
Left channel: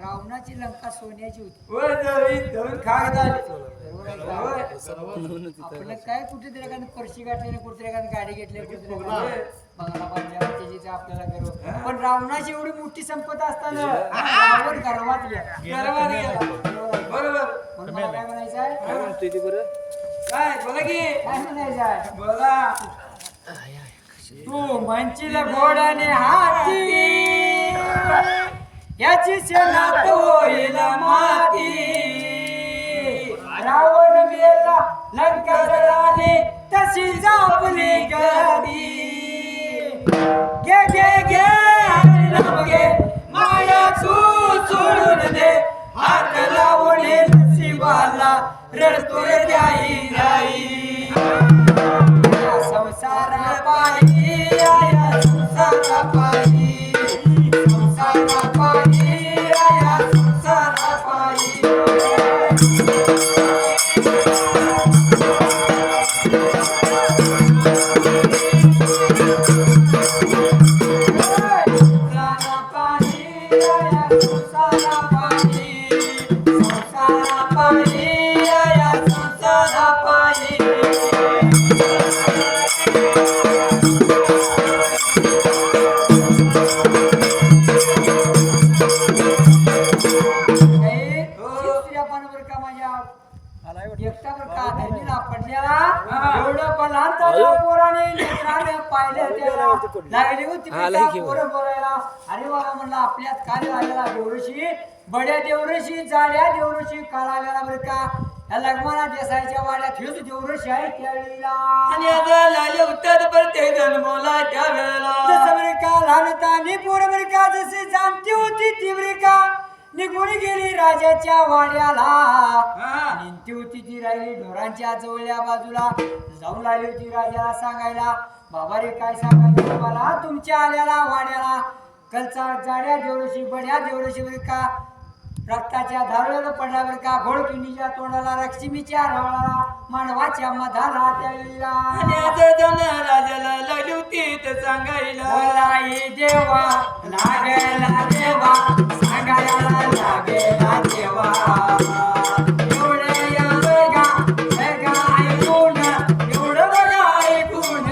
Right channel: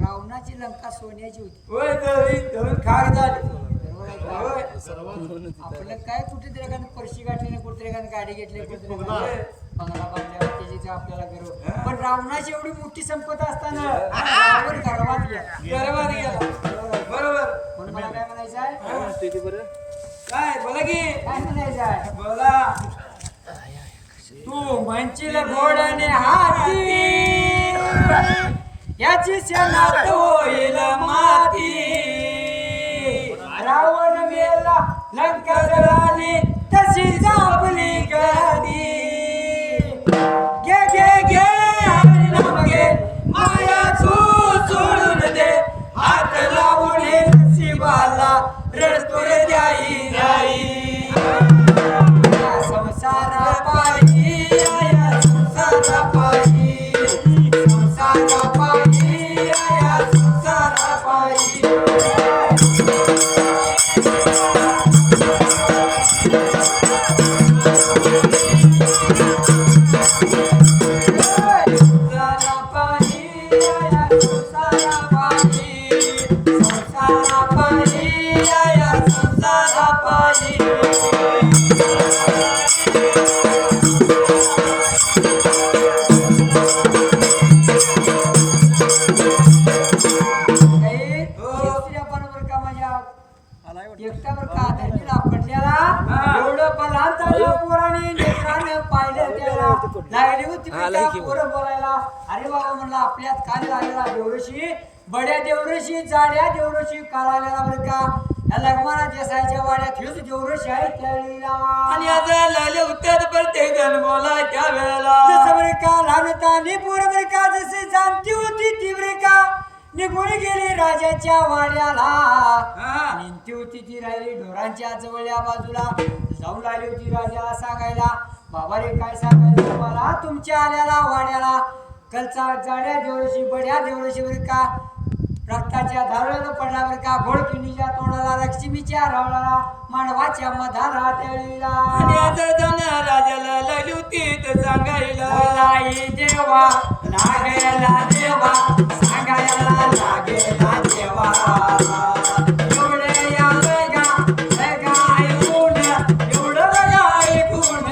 रावणाची लंका सोन्याची होती होय धरून खाक झाली बरोबर आहे का? आपलं काय कुठेतरी एखादं पर्शी गाठली कुठेतरी एखादी गाडी घेतली कुठेतरी बंगला बांधला त्याची आपल्याला गर्व पण रावणाची एवढी मोठी संपदा असताना रावण गर्वात गेला बरोबर म्हणून मला काय म्हणायचं आहे काय बोला की काय म्हणायचं आहे बोला तू म्हणशील घोडाने हाती याची शेणात होईल माती रावण मेला लंका जळाली तशी जापली गदी घे घे घे हरिनाम घे माया तू सोडून दे हात लावून नशिबाला रडतो रे द्याई राई संसारा पायी या संसारा पायी संसारा पायी या संसारा पायी एकटा बर का धरणीला पडलेला एवढं बलांता या पोराने नेत्राने पाहिलं त्याला लागली होती पोरं बोलायला अरे बाबा म्हणला आपल्यात काल आलेला देवऋषी बड्या देवऋषी जाड्या देवऋषी काल आलेला बरं का या लग्माना देसाईच्या वाड्यात हेच देवऋषी आहे त्यावेळेला आणि आता लाले उत्तर पडते जण बोला त्या वेळेला जसं बरं का लहानतानी पोरं बरं का जशी जाणती होती ती बरं का निघून गेली राजाच्या वाड्याला निंती होती ती राहिली ढोरांच्या जवळल्या बाजूला जाऊन लागली होती राजाला सांगायला बाबा रे काय सांगायचं तुम्हाला तुमच्या आल्याला वाड्याला कलचा जाड्या देवऋषी बड्या देवऋषी बरं का रक्ताच्या धारळाला पडला बरं का घोडकिंडीच्या तोंडाला लक्ष्मीच्या रावळाला मानवाच्या मधाला त्यावेळेला राजाला लागली होती तर सांगायला बोलाई देवा लागेला देवा सांगायला लागेला देवा एवढे या बघा ऐकून एवढं बघा ऐकून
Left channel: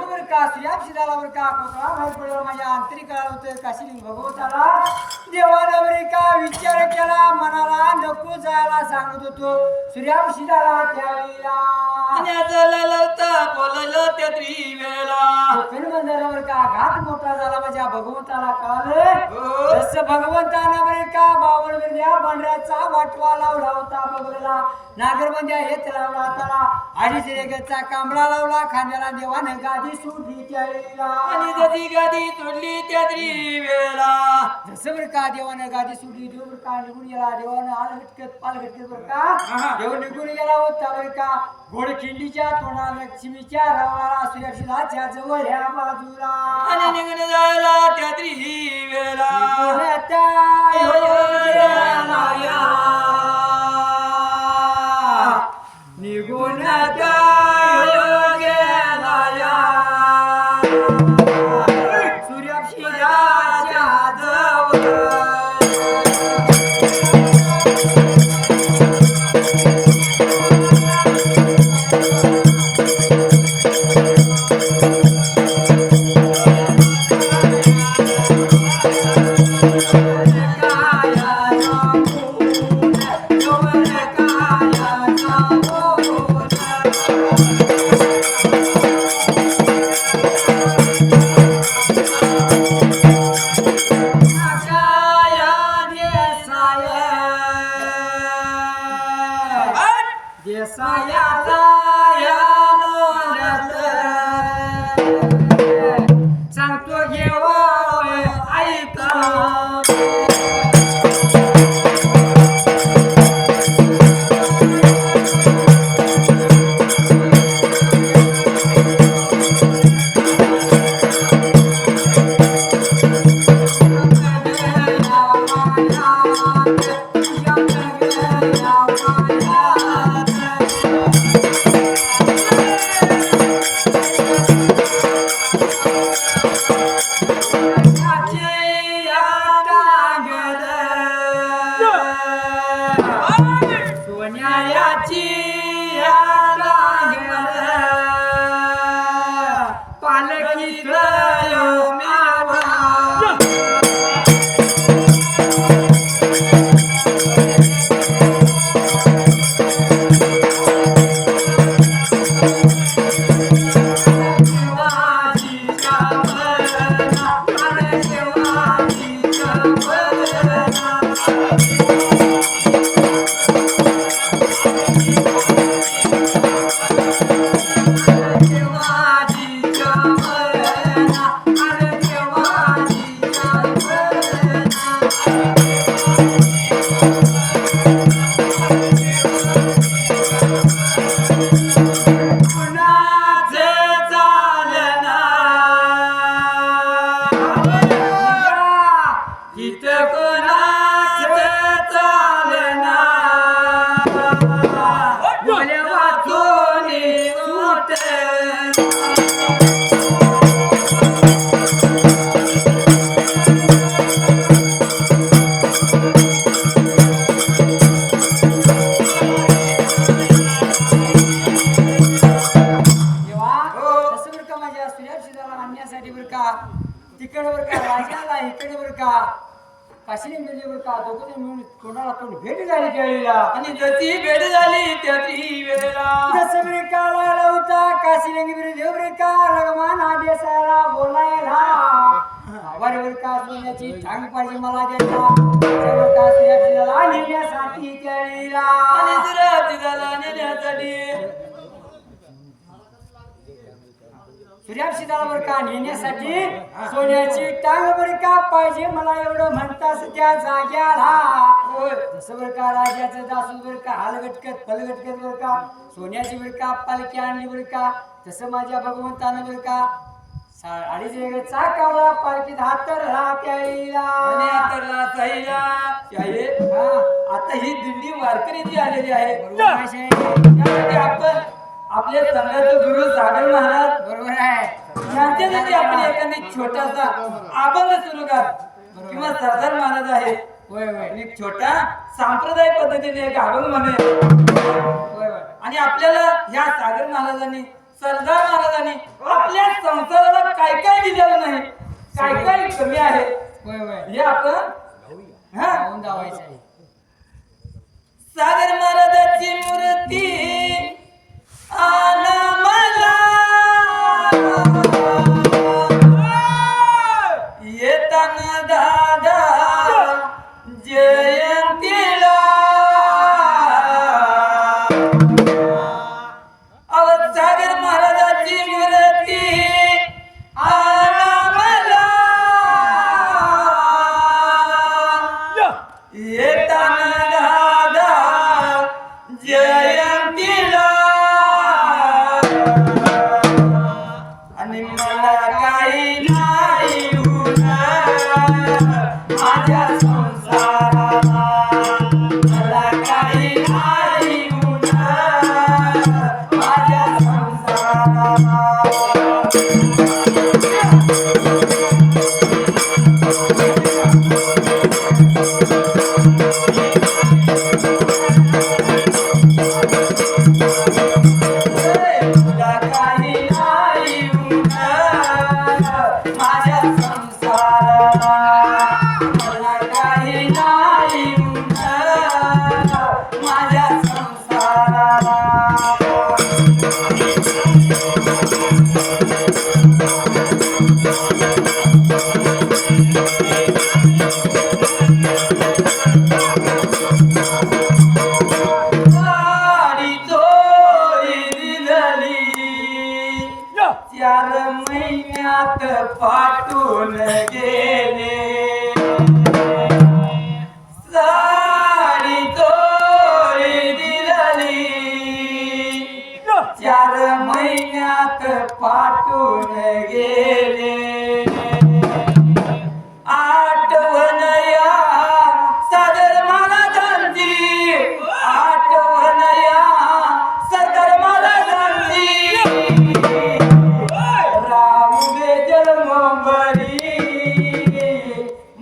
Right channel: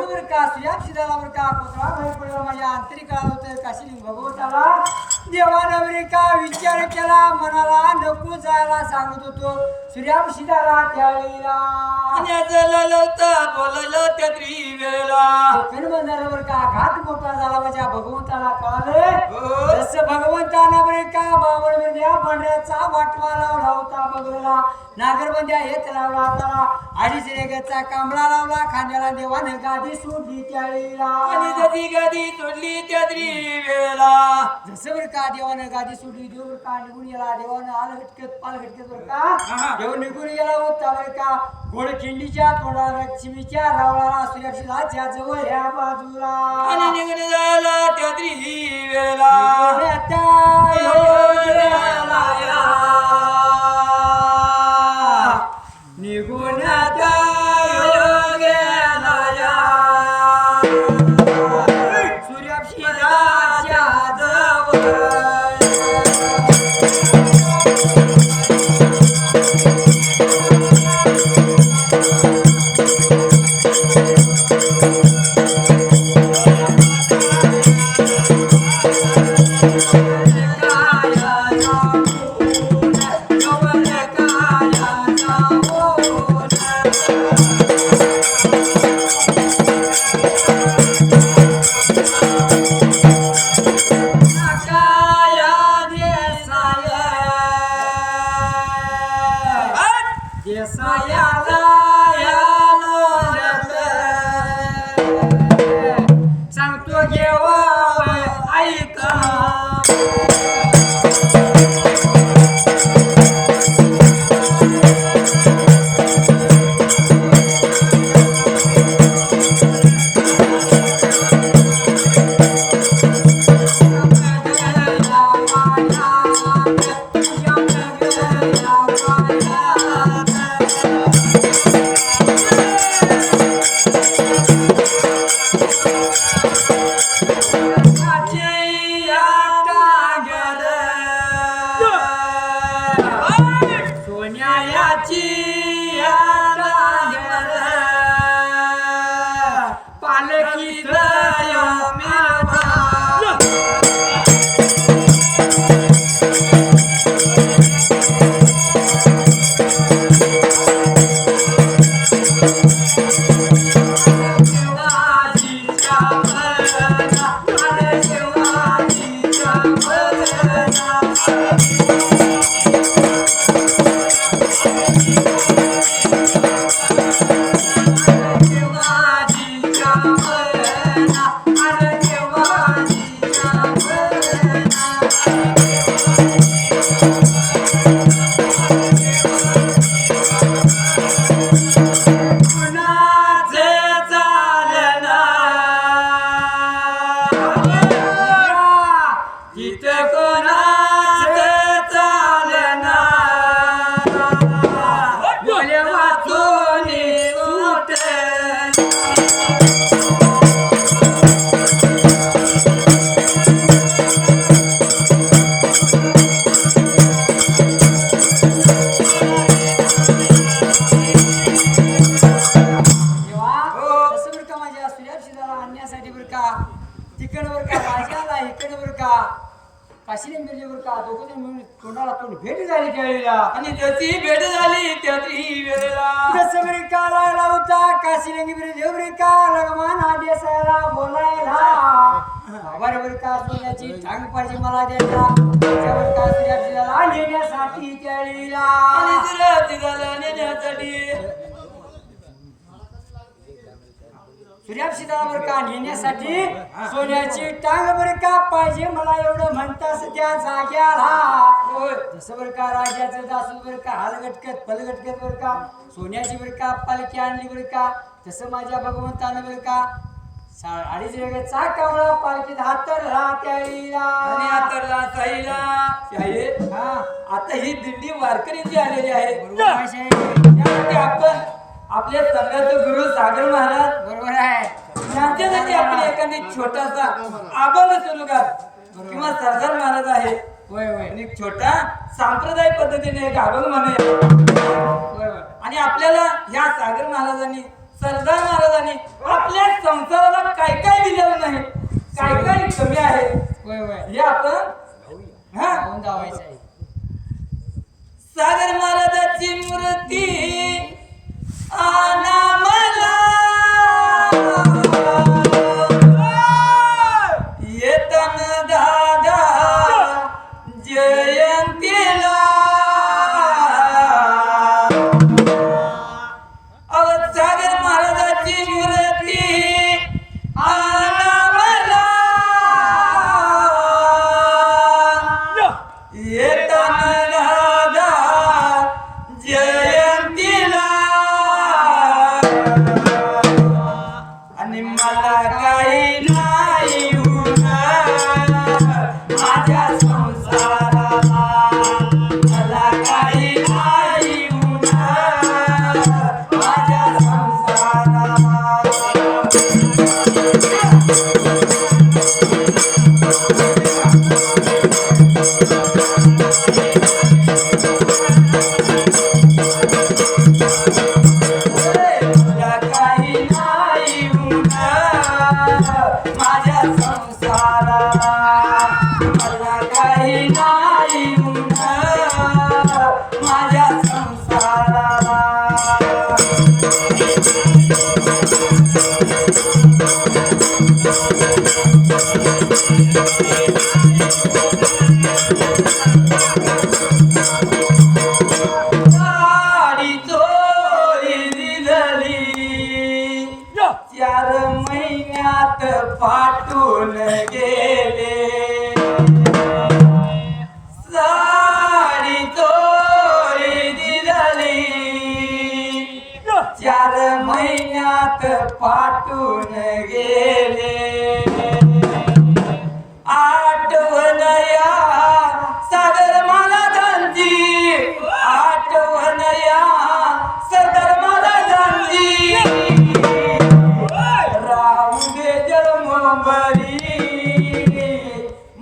बरं का सुयाक्षी झाला बरं का कोसळा बाहेर पडला माझ्या आंतरिकाला होतं काशीलिंग भगवंताला देवानं बरे का विचार केला मनाला नको जायला सांगत होतो सूर्याक्षी झाला त्यावेळेला लवता बोललो त्या त्रिवेळेला बरं का घात मोठा झाला माझ्या भगवंताला कळलं जसं भगवंतानं बरे का बावळ बिरद्या पांढऱ्याचा वाटवा लावला होता बगलेला नागरबंद्या हेच लावला हाताला अडीच रेगेचा कांबळा लावला खांद्याला देवानं गादी सुटली त्यावेळेला आणि जशी गादी सोडली त्या त्रिवेळेला जसं बरं का देवानं गादी सुटली देव बरं का निघून गेला देवानं आल हटकत पाल हटकत बरं का देव निघून गेला होता बरं का घोड खिंडीच्या तोंडाला लक्ष्मीच्या रावळाला सूर्यक्षिराच्या जवळ ह्या बाजूला आणि निघून जायला त्या त्रिवेळेला निघून सूर्यक्षिराच्या जवळ सांगतो घेवा ऐका तिकडे बर का राजाला इकडे बर का काशीलिंग मिरजी बर का दोघं मिळून तोंडाला तोंड भेट झाली त्यावेळेला आणि जशी भेट झाली त्या त्रिवेळेला जसं बरे का लागला होता काशीलिंग मिरजी बर का लगमान आदेशाला बोलायला बरोबर का सोन्याची ठांग पाहिजे मला द्यायला त्यावर का सूर्याक्षिराला नेण्यासाठी त्यावेळेला आणि सूर्याक्षिराला नेण्यासाठी सूर्याक्षिराला बर का नेण्यासाठी सोन्याची टांग बर का पाहिजे मला एवढं म्हणतास त्या जाग्याला जसं बर का राजाचं दासूस बर का हालगटकत पलगटकत बर का सोन्याची बर का पालखी आणली बर का तसं माझ्या भगवंतानं बर का अडीच वेगळ्याचा कावळा पालखीत हातरला त्यावेळेला आता ही दिंडी वारकरीची आलेली आहे त्यासाठी आपण आपल्या संघाचे गुरु सागर महाराज बरोबर आहे यांच्यासाठी आपण एखादी छोटासा अभंग सुरू कर किंवा सरदार महाराज आहे होय होय आणि एक छोटा सांप्रदायिक पद्धतीने एक अभंग म्हणे. होय होय आणि आपल्याला ह्या सागर महाराजांनी, सरदार महाराजांनी आपल्या संसाराला काय काय दिलेलं नाही, काय काय कमी आहे, होय होय हे आपण हा पाहून जावायचं आहे. सागर महाराजाची मूर्ती आणा मला येताना दादा जयंतीला अव सागर महाराजाची मूर्ती आणा मला येताना दादा जयंतीला आणि मला काही नाही होणार माझ्या संसाराला, मला काही नाही होणार माझ्या संसाराला. मला काही नाही होणार माझ्या संसाराला, मला काही नाही होणार माझ्या संसाराला. गाडी चोरी दिलेली 4 महिन्यात पाठवून गेले. साडी चोरी दिलेली 4 महिन्यात पाठवून गेले. आठवण या सागर महाराजांची, आठवण या सरदार महाराजांची. राहू दे जन्मभरी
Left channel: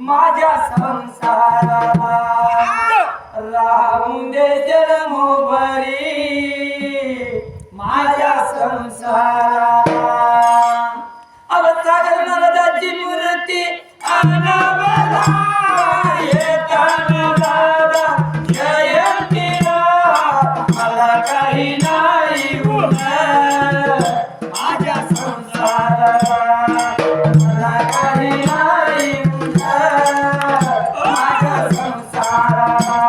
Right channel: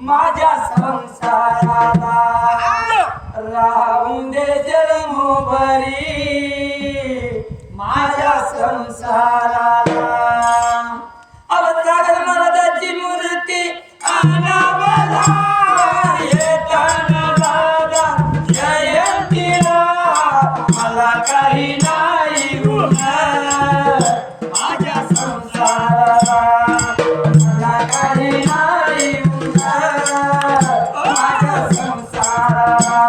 माझ्या संसाराला, राहू दे जन्मभरी माझ्या संसाराला. अव सागर महाराजांची मूर्ती आणा मला येताना दादा जयंतीला, मला काही नाही होणार माझ्या संसाराला, मला काही नाही होणार माझ्या संसाराला.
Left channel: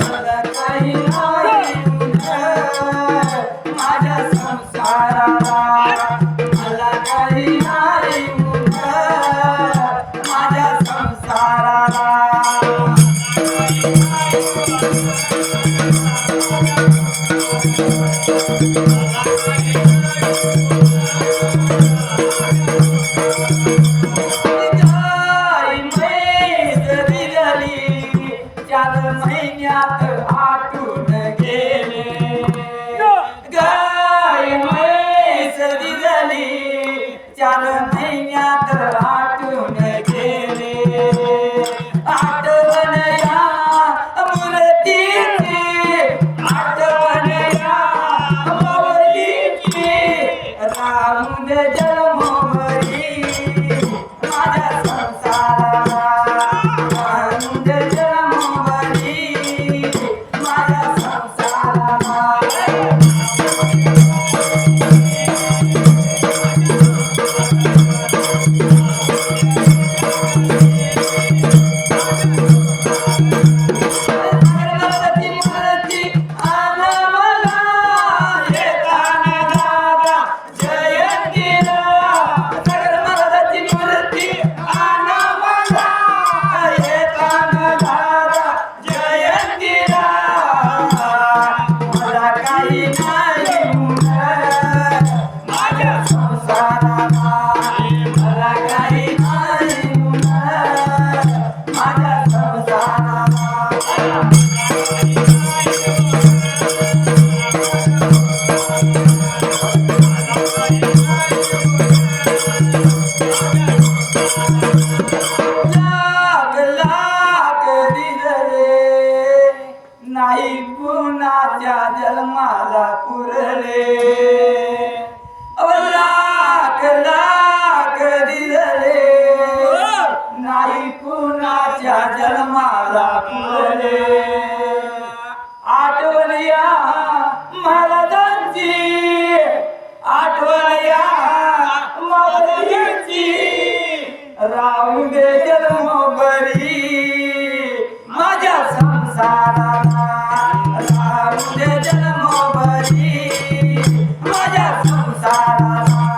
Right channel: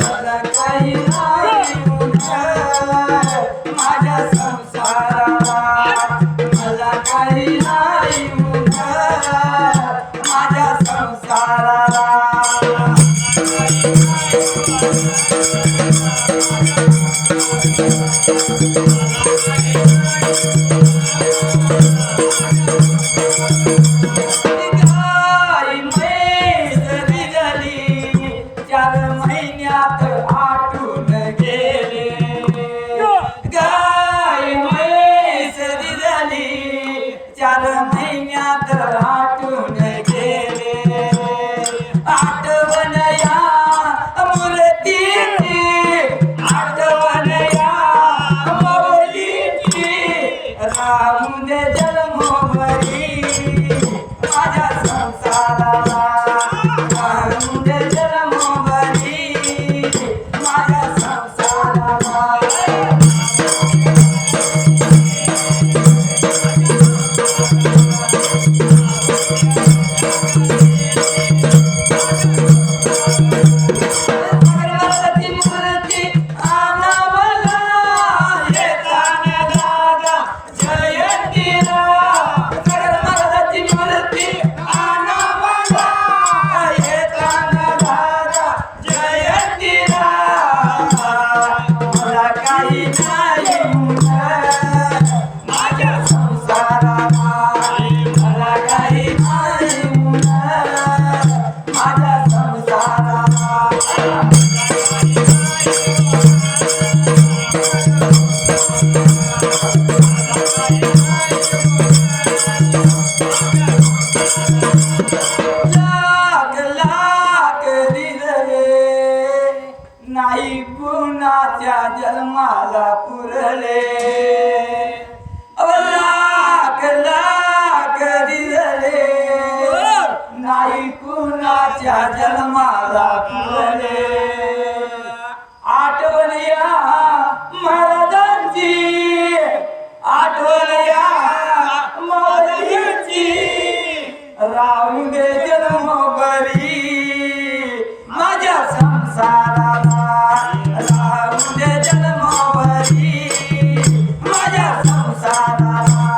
मला काही नाही होणार माझ्या संसाराला, मला काही नाही होणार माझ्या संसाराला. गाय म्हैस दिलेली 4 महिन्यात आटून गेले. गाय म्हैस दिलेली 4 महिन्यात आटून गेले. आठवण या मूर्तीची, आठवण या माऊलीची. राहू दे जन्मभरी माझ्या संसाराला, राहू दे जन्मभरी माझ्या संसाराला. आणा मला येताना दादा जयंतीला, राखुले आठवण या महाराजांची आठवण या महाराजांची राहून दे जन्म बरी माझ्या संसाराला राहून दे जन्म बरी माझ्या संसाराला